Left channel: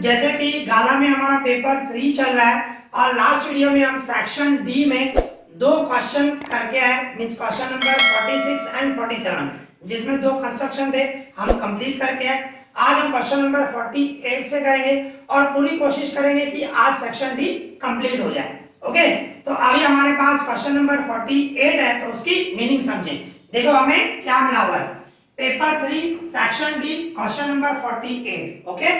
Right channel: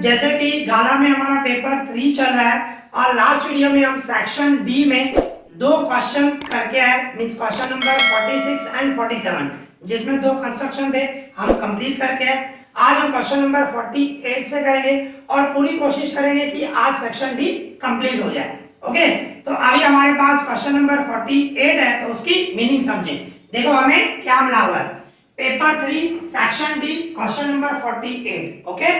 जैसे कि गाला में हमारा पेपर 3 चल रहा है और लास्ट वीडियो में हम सेक्शन डी में दो क्वेश्चन करके आए, मींस क्वेश्चन नंबर 46 एंड 47, जिसमें दो कंस्ट्रक्शन थे, हम कंप्लीट करके आए। आज हम क्वेश्चन नंबर 48 से करेंगे और पूरी कोशिश करेंगे कि आज सेक्शन डी कंप्लीट हो जाए। ओके, तो अभी हमारे पास क्वेश्चन नंबर 48 है, तो उसकी मीनिंग समझें। देखो हमें क्या मिला हुआ है, paper 3 section D question number 48। Okay,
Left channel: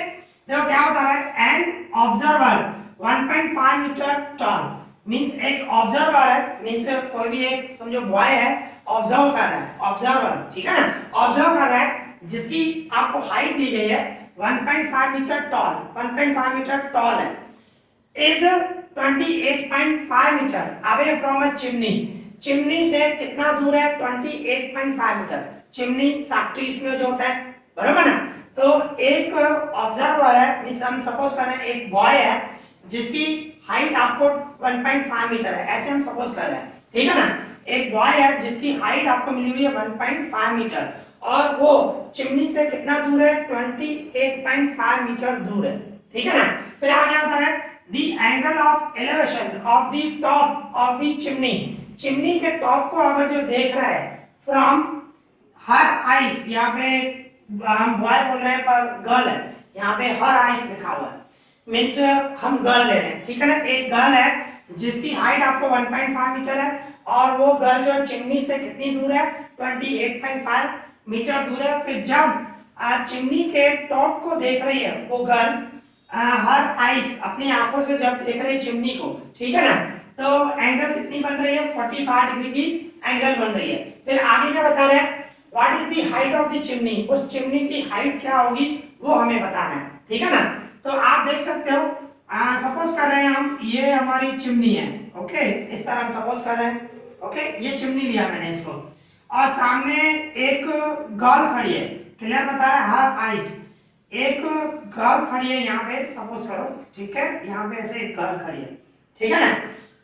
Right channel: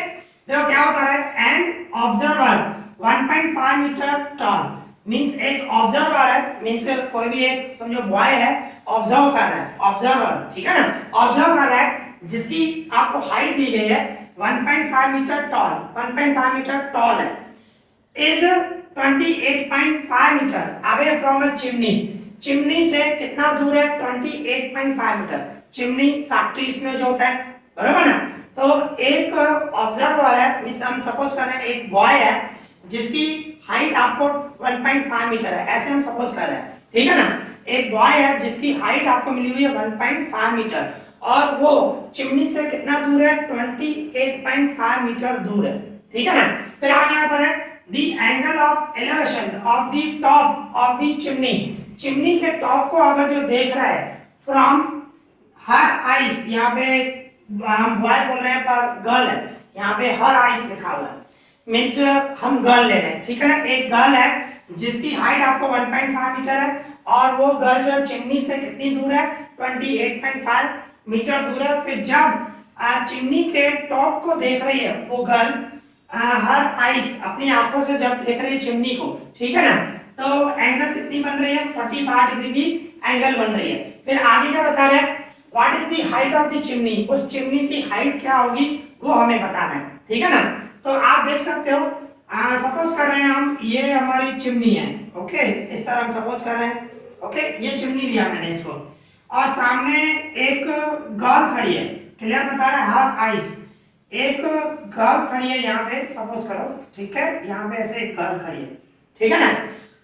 देखो क्या बता रहा है, an observer 1.5 metre tall, means एक ऑब्जर्वर है, मींस कोई भी एक समझो बॉय है, ऑब्जर्व कर रहा है, ऑब्जर्वर, ठीक है ना, ऑब्जर्व कर रहा है, जिसकी आपको हाइट दी गई है 1.5 मीटर टॉल, 1.5 मीटर टॉल है, is 28.5 metre away from a chimney. Chimney से कितना दूर है, 28.5 मीटर। चिमनी फैक्ट्रीज में जो होता है, बराबर ना। तो एक ऑब्जर्वर है, मींस हम सपोज कर रहे हैं एक बॉय है जिसकी हाइट आपको 1.5 मीटर है, ऐसे हम सपोज कर रहे हैं, ठीक है ना। एक बॉय है जिसकी हाइट आपको मिली हुई है 1.5 मीटर और वो चिमनी से कितना दूर है, 28.5 मीटर दूर है, ठीक है ना। फिर आप क्या बता रहे हैं, the angle of elevation of the top of the chimney, chimney के टॉप को अगर जो देख रहा है फ्रॉम हर आइस, यहाँ पे हम बॉय बोल रहे हैं पर गर्ल है, यहाँ पे हर आइस लिखा हुआ है, मीन्स हम गर्ल ले रहे हैं, ठीक है ना। एक गर्ल है जिसकी हाइट आपको 1.5 मीटर है और वो गर्ल जो चिमनी से कितनी दूर है, 28.5 मीटर दूर है। फिर जब चिमनी के टॉप को देख रही है वो गर्ल, हर आइस अपनी आंखों से जब देख रही है चिमनी को, ठीक है ना, तो एंगल कितनी बन रही है, 45 डिग्री की एंगल बन रही है। फिर आगे क्या बता रहे हैं, what is the height of the chimney, उस चिमनी की हाइट क्या होगी वो हमें बताना है, ठीक है ना। तो आप देख सकते हो, सपोज कर रहे हैं हम, ये हमारी चिमनी है, ओके, इस तरह हम सपोज कर रहे हैं, ओके, ये चिमनी लिया मैंने इसको, और सामने एक गर्ल खड़ी है, क्लियर बता रहा है, हर आइस एक गर्ल खड़ी है यहाँ पे, सपोज करो, ठीक है, यहाँ पे ऐसे एक गर्ल खड़ी है, ठीक है ना।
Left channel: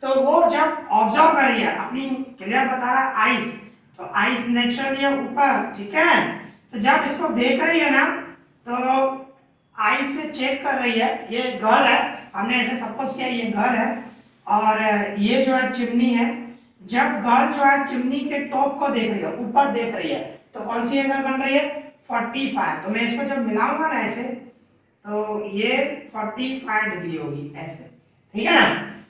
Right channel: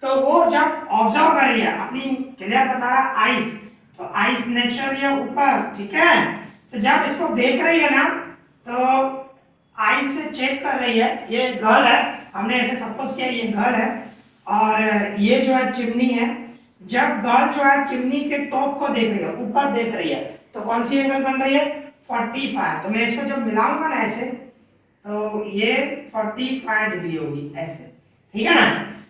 तो वो जब ऑब्जर्व कर रही है अपनी, क्लियर बता रहा है आइस, तो आइस नेचुरली है ऊपर, ठीक है। तो जब इसको देख रही है ना, तो आइस से चेक कर रही है, ये गर्ल है, हमने ऐसे सपोज किया ये गर्ल है और ये जो है चिमनी है। जब गर्ल जो है चिमनी के टॉप को देख रही है, ऊपर देख रही है, तो कौन सी एंगल बन रही है, 45। तो मैं इसको जब मिलाऊंगा ना ऐसे, तो ये 45 डिग्री होगी ऐसे, ठीक है ना।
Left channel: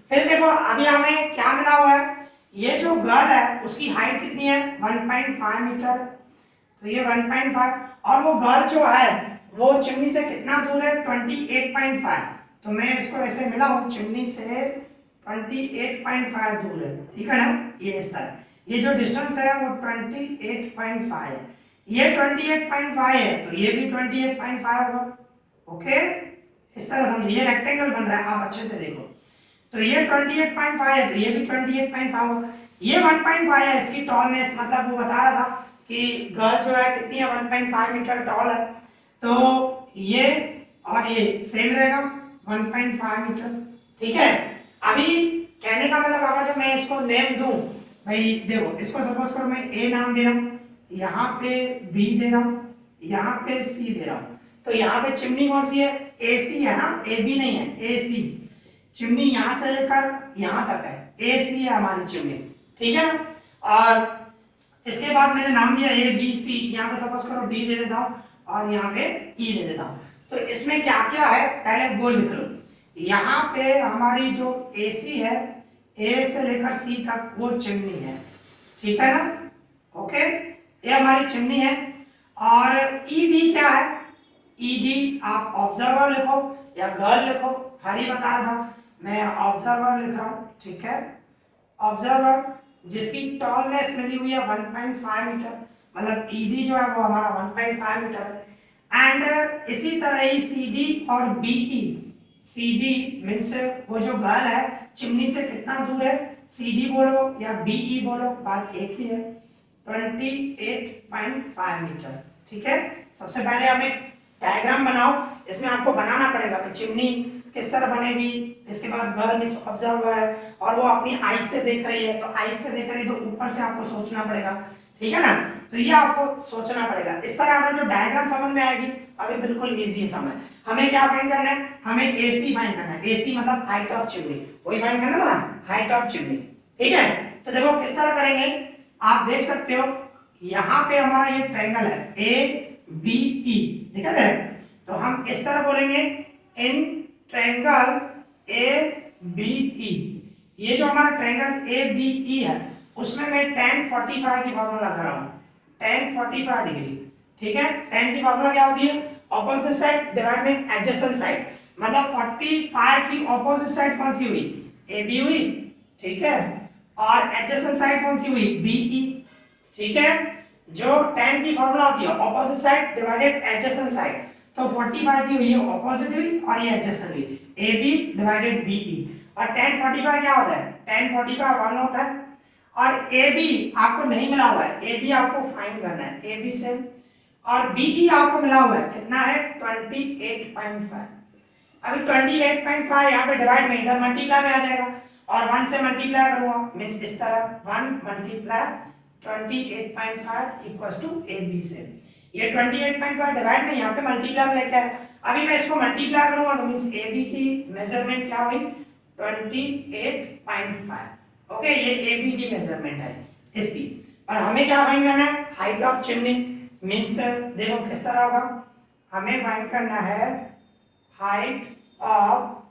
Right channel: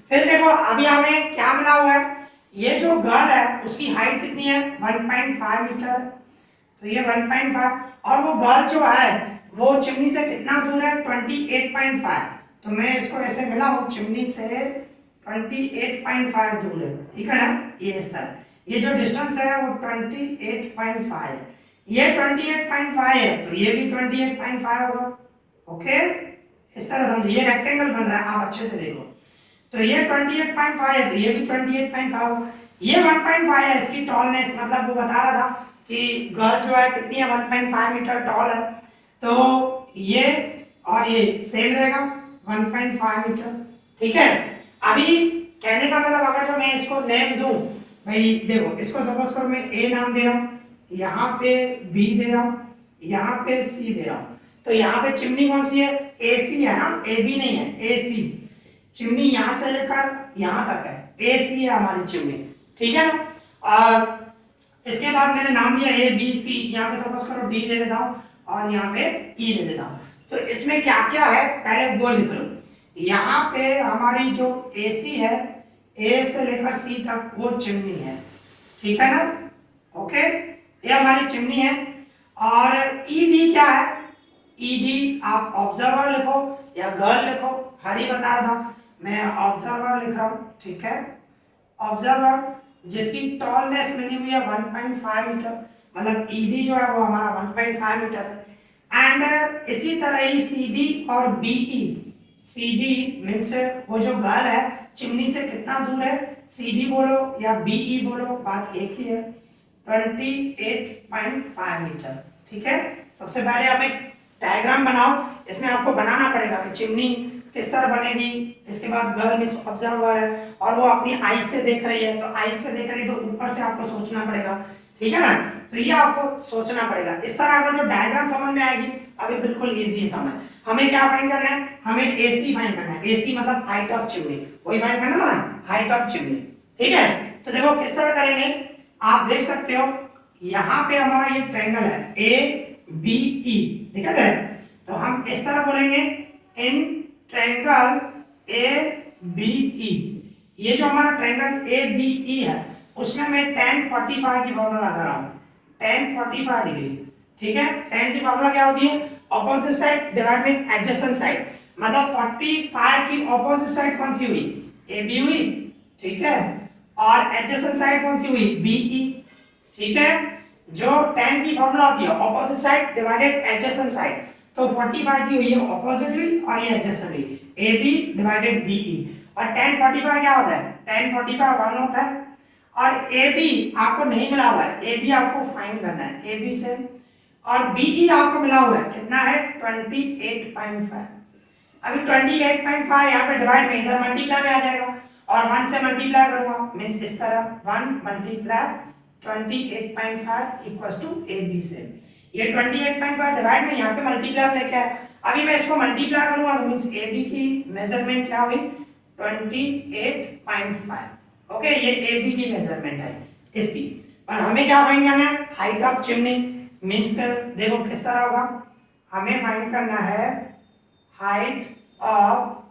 फिर देखो अभी हमें क्या मिला हुआ है, ये जो गर्ल है उसकी हाइट कितनी है, 1.5 मीटर, तो ये 1.5 और वो गर्ल जो है वो चिमनी से कितना दूर है, 28.5। तो मैं इसको ऐसे मिला हूं, चिमनी से 28.5 दूर है, ठीक है ना, ये इस तरह, ये जो डिस्टेंस है वो 28.5 है, ये 28.5 है, तो ये भी 28.5 होगा, ओके, इस तरह समझिए, ये रेक्टेंगल बन रहा है, आप अच्छे से देखो, तो ये 28.5 है, तो ये भी 28.5 होगा। ये 1.5 है इसकी टॉलनेस, मतलब वो बता रहा था कि गर्ल जो है कितनी है, 1.5 मीटर टॉल है, तो ये और ये सेम रहेगा 1.5 मीटर, ठीक है। अभी कहने का मतलब अगर जो मैं इसको नेम दूं, भाई देखो इसको सपोज करो मैं ए नाम दे रहा हूं, यहाँ पे बी दे रहा हूं, यहाँ पे सी दे रहा हूं, तो यहाँ पे चिमनी कौन सी है, ए सी है ना, ए बी नहीं है, ए सी, चिमनी यहाँ से लेकर यहाँ तक है, ए सी है हमारी चिमनी, ठीक है ना। और इसके बाद मैंने नाम दिया ए बी सी, यहाँ पे सपोज करो डी दे देता हूँ और यहाँ पे ई दे देता हूँ। तो इसमें क्या क्या है, पहले वो लिख लो, यहाँ पे हमारी जो ए सी है, ए से लेकर सी तक वो चिमनी है, ठीक है ना, ओके, ये हमारी चिमनी है। और ई डी क्या है, ई डी आप ऑब्जर्वर लिखो या गर्ल लिखो, हरी बता रहा था, मैं ऑब्जर्वर लिख रहा हूँ, ठीक है, ऑब्जर्वर जिसकी टॉलनेस मिली हुई है 1.5 मीटर, मतलब ईडी जो है वो हमारा 1.5 मीटर है। एंड इसी तरह ही सीडी और बीई, सीडी मींस वो जो गर्ल है चिमनी से कितना दूर है, सीडी बोलो या बीई बोलो, बात एक ही है, 28.5 मीटर, ठीक है। सबसे पहले आप एक डायग्राम बनाओ, इसमें आपको बनाना पड़ेगा कि चिमनी किस तरह बनेगी, इसके बाद गर्ल मींस ऑब्जर्वर है और वो अपनी आइस से देख रही है, तो आइस से देख रही है तो ऊपर से आपको सोचना पड़ेगा, ठीक है ना। तो ये आपको सोचना पड़ेगा। इस तरह अगर जो डायग्राम समझ में आएगी अभी बिल्कुल इजी है समझ। हमें क्या फाइंड करना है, हमें एसी फाइंड करना है। एसी मतलब हाइट ऑफ चिमनी, वही फाइंड करना है ना, हाइट ऑफ चिमनी। ठीक है, तो देखो किस तरह करेंगे, आप देख सकते हो यहाँ पे हमारा ये ट्रायंगल है ए बी ई, दिखा दे, तो हम इस तरह बोलेंगे in triangle A B E. ये जो हमारा ट्रायंगल ए बी ई है उसमें मैं tan 45 की फॉर्मूला लगा रहा हूँ, tan 45 डिग्री। ठीक है, tan की फॉर्मूला क्या होती है, opposite side divide by adjacent side, मतलब 45 की ऑपोजिट साइड कौन सी हुई, ए बी हुई। ठीक है, और एडजेसेंट साइड कौन सी हुई, बी ई। ठीक है, जो tan की फॉर्मूला होती है opposite side divided adjacent side, तो 45 की हुई है ऑपोजिट हुई और ये एडजेसेंट हुई, A B divided B E. और tan 45 क्या होता है, tan 45 1 होता है। और ए बी आपको नहीं मिला हुआ है, ए बी आपको फाइंड करना है, ए बी से। और बी ई आपको मिला हुआ है, कितना है 28.5। अभी 28.5 यहाँ पे डिवाइड में इधर मल्टीप्लाई में आ जाएगा और 1 से मल्टीप्लाई करूंगा, मींस इस तरह 1 multiply 28.5 equals to A B से। ये 28.5 डिवाइड में यहाँ पे मल्टीप्लाई में लेके आए, अभी मैं इसको मल्टीप्लाई करूंगा तो मींस ए बी की मेजरमेंट क्या हुई 28.5। ओके, ये ए बी की मेजरमेंट है इसकी। और हमें क्या फाइंड करना है, हाइट ऑफ चिमनी, मींस देखो किस तरह होगा, हमें फाइंड करना है हाइट ऑफ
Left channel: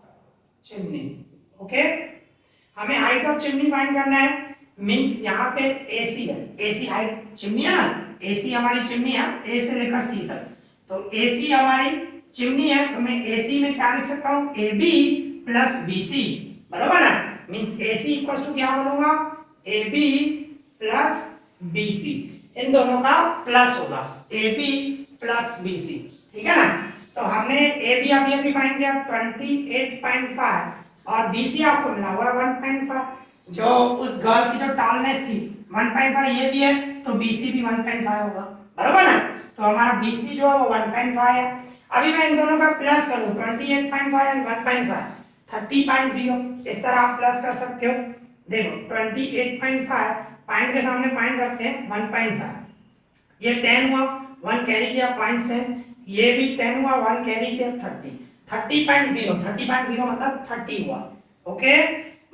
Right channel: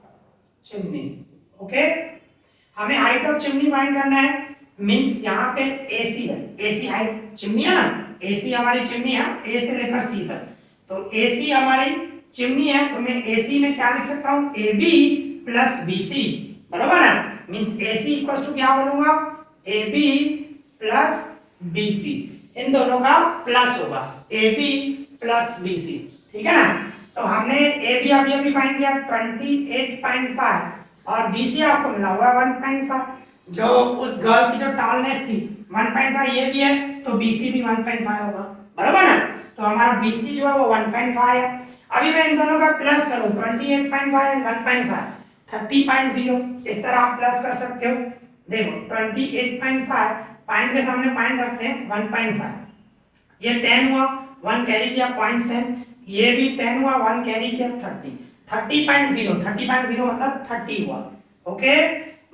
चिमनी। ओके, हमें हाइट ऑफ चिमनी फाइंड करना है, मींस यहाँ पे एसी है, एसी हाइट चिमनी है ना, एसी हमारी चिमनी है ए से लेकर सी तक, तो एसी हमारी चिमनी है, तो मैं एसी में क्या लिख सकता हूँ, A B plus B C, बराबर ना, मींस एसी इक्वल्स टू क्या बोलूंगा, A B plus B C, इन दोनों का प्लस होगा, A B plus B C. ठीक है ना, तो हमने ए बी अभी फाइंड किया 28.5 और बी सी आपको मिला हुआ 1.5। जो उस गर्ल की जो टॉलनेस थी 1.5 ये भी है, तो बी सी भी 1.5 होगा, बराबर ना, तो हमारा बी सी जो है वो 1.5 है। अभी मैं इन दोनों का प्लस करूं 28.5 एंड 1.5 30.0, इस तरह आप प्लस कर सकते हो। देखो 28.5 पॉइंट के सामने पॉइंट रखते हैं 1.5, ये 10 हुआ, 1 कैरी किया 0.7, ये भी 10 हुआ, 1 कैरी किया 30.0 मतलब 30 हुआ। ओके,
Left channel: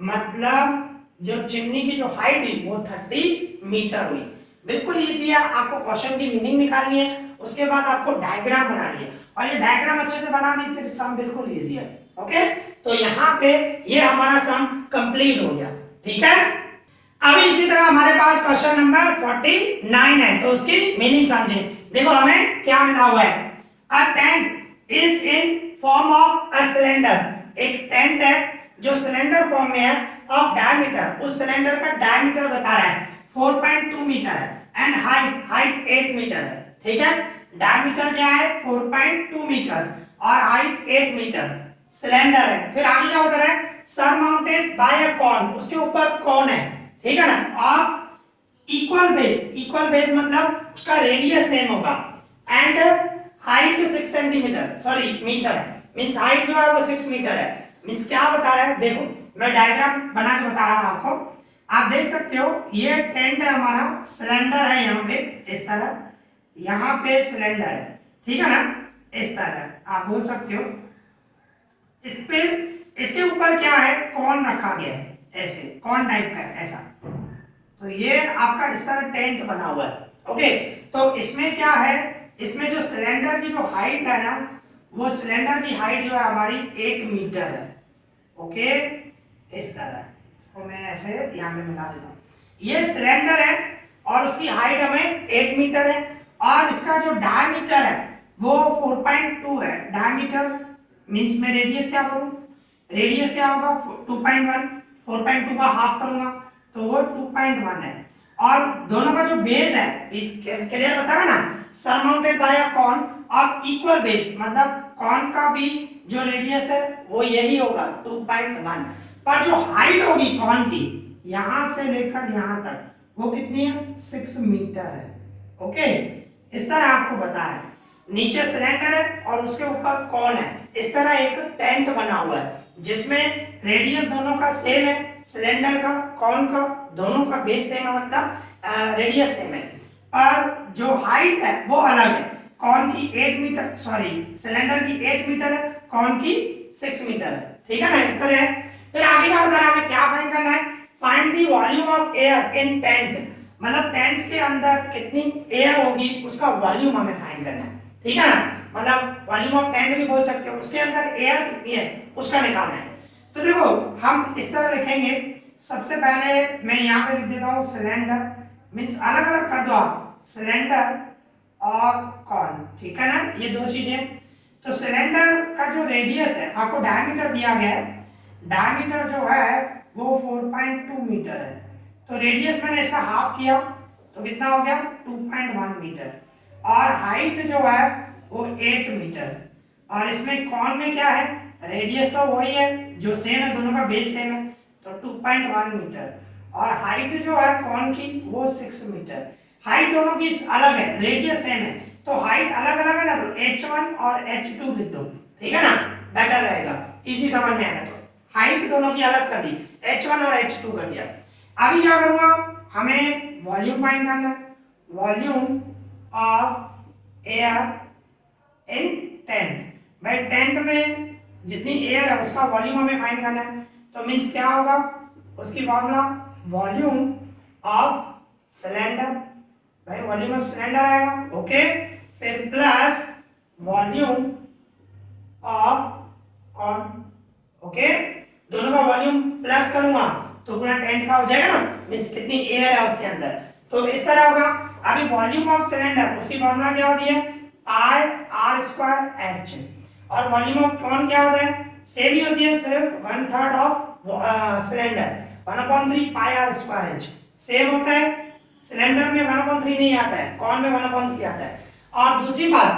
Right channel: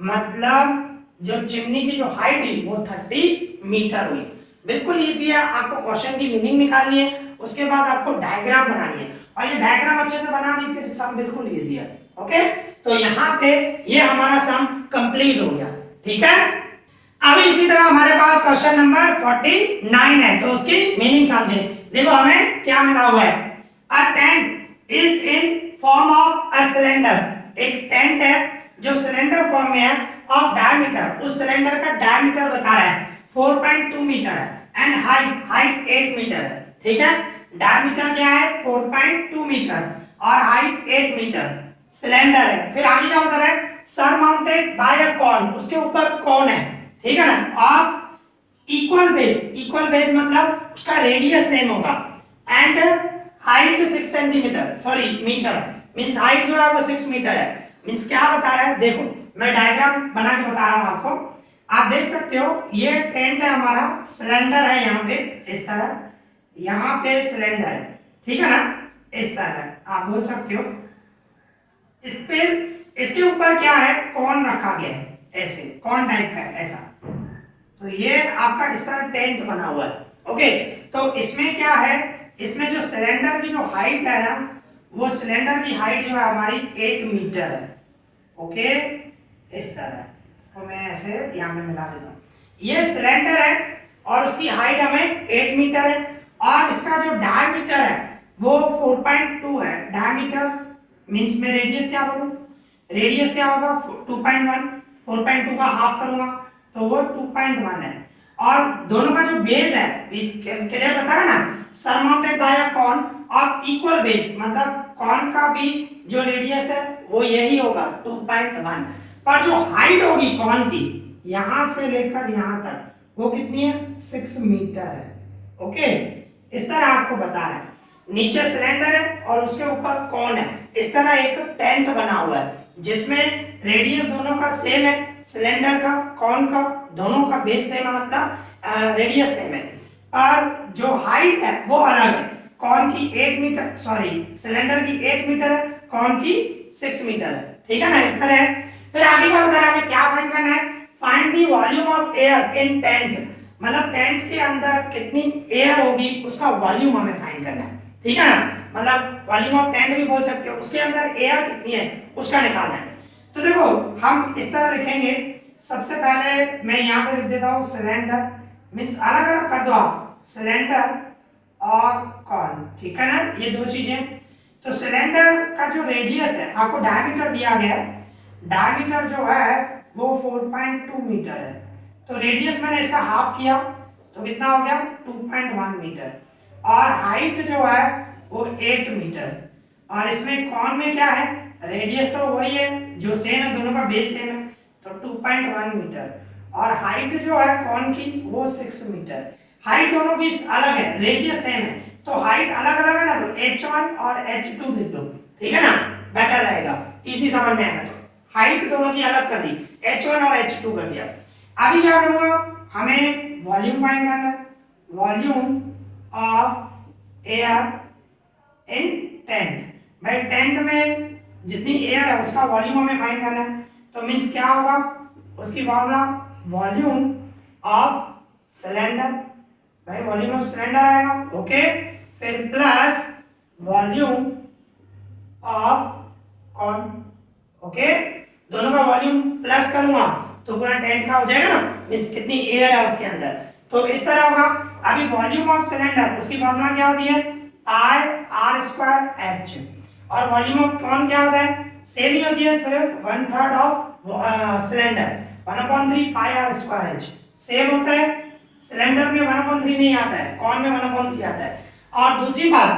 मतलब जो चिमनी की जो हाइट थी वो 30 मीटर हुई। बिल्कुल इजी है, आपको क्वेश्चन की मीनिंग निकालनी है, उसके बाद आपको डायग्राम बनानी है, और ये डायग्राम अच्छे से बना दी फिर सम बिल्कुल इजी है। ओके, तो यहाँ पे ये हमारा सम कंप्लीट हो गया। ठीक है, अभी इसी तरह हमारे पास क्वेश्चन नंबर 49 है, तो उसकी मीनिंग समझे। देखो हमें क्या मिला हुआ है, a tent is in form of a cylinder, एक टेंट है जो सिलेंडर फॉर्म में है, ऑफ डायमीटर, उस सिलेंडर का डायमीटर बता रहा है 4.2 मीटर है, एंड हाइट 8 मीटर है। ठीक है, डायमीटर क्या है 4.2 मीटर और हाइट 8 मीटर, सिलेंडर है। फिर आगे क्या बता रहा है, सरमाउंटेड बाय अ कॉन, उसके ऊपर कॉन है। ठीक है ना, ऑफ इक्वल बेस मतलब उसका रेडियस सेम होगा, and height 6 centimetre sorry metre है, मींस हाइट जो है वो 6 मीटर है। मींस क्या बता रहा है, देखो मैं डायग्राम बना के बता रहा हूं आपको, आप देख सकते हो ये टेंट है हमारा, सिलेंडर है यहाँ पे इस तरह, यहाँ पे सिलेंडर है। ठीक है ना, इस तरह आप बोल सकते हो, इस पे इसके ऊपर क्या है, कॉन रखा गया है, ऐसे कॉन टाइप का है ऐसा, तो ये आपका इस तरह टेंट बना हुआ है। ओके, तो इसमें क्या है, इसमें जो सिलेंडर की जो हाइट है ना, वो सिलेंडर की हाइट जो है हमारी 8 मीटर है। ओके, इस तरह इसको मैं ऐसे यहाँ पे मिला देता हूँ, ये सिलेंडर है और उसकी हाइट हमें 8 मीटर है, और इसका जो डायमीटर है वो 4.2 है। डायमीटर मींस में रेडियस क्या करूं, रेडियस क्या होगा 2.1, 4.2 का हाफ करूंगा तो वो 2.1 है, और दोनों का जो बेस है क्लियर बता रहा ना, surmounted by a cone of equal base, मतलब कॉन का भी जो रेडियस है वो यही होगा 2.1, पर जो हाइट होगी कॉन की यहां से लेकर यहां तक वो कितनी है 6 मीटर है। ओके, इस तरह आपको बता रहा है, नीचे सिलेंडर है और उसके ऊपर कॉन है, इस तरह एक टेंट बना हुआ है जिसमें रेडियस दोनों का सेम है, सिलेंडर का कॉन का दोनों का बेस सेम है, मतलब रेडियस सेम है। पर जो हाइट है वो अलग है। कौन की 8 मीटर, सॉरी सिलेंडर की 8 मीटर है, कौन की 6 मीटर है। ठीक है ना, इस तरह है। फिर आगे क्या बता रहा है, हमें क्या फाइंड करना है, find the volume of air in tent, मतलब टेंट के अंदर कितनी एयर होगी उसका वॉल्यूम हमें फाइंड करना है। ठीक है ना, मतलब वॉल्यूम ऑफ टेंट भी बोल सकते हो, उसके अंदर एयर कितनी है उसका निकालना है। तो देखो हम इस तरह लिखेंगे, सबसे पहले मैं यहाँ पे लिख देता हूँ सिलेंडर, मीन्स अलग अलग कर दो आप, सिलेंडर और कॉन। ठीक है ना, ये दो चीजें। तो सिलेंडर का जो रेडियस है, आपको डायमीटर दिया गया है, डायमीटर जो है वो 4.2 मीटर है। तो रेडियस मैंने इसका हाफ किया तो कितना हो गया 2.1 मीटर। और हाइट जो है वो 8 मीटर। और इसमें कॉन में क्या है, रेडियस तो वही है जो सेम है, दोनों का बेस सेम है, तो 2.1 मीटर। और हाइट जो है कॉन की वो 6 मीटर। हाइट दोनों की अलग है, रेडियस सेम है, तो हाइट अलग अलग है ना, तो h1 और h2 लिख दो। ठीक है ना, बेटर रहेगा, इजी समझ में आएगा। तो हाइट दोनों की अलग कर दी, h1 और h2 कर दिया। अभी क्या करूंगा, हमें वॉल्यूम फाइंड करना है, volume of air in tent. भाई टेंट में जितनी एयर है उसका वॉल्यूम हमें फाइंड करना है। तो मीन्स क्या होगा, उसकी फॉर्मूला वॉल्यूम ऑफ सिलेंडर, भाई वॉल्यूम ऑफ सिलेंडर आएगा। ओके, फिर plus volume of cone. Okay, दोनों का वॉल्यूम प्लस करूंगा तो पूरा टेंट का हो जाएगा ना, मीन्स कितनी एयर है उसके अंदर। तो इस तरह होगा। अभी वॉल्यूम ऑफ सिलेंडर, उसकी फॉर्मूला क्या होती है, पाई आर स्क्वायर एच। और वॉल्यूम ऑफ कॉन क्या होता है, सेम ही होती है, सिर्फ 1/3 of cylinder, 1/3 pi r square h same होता है। सिलेंडर में 1/3 नहीं आता है, कॉन में 1/3 आता है। और दूसरी बात,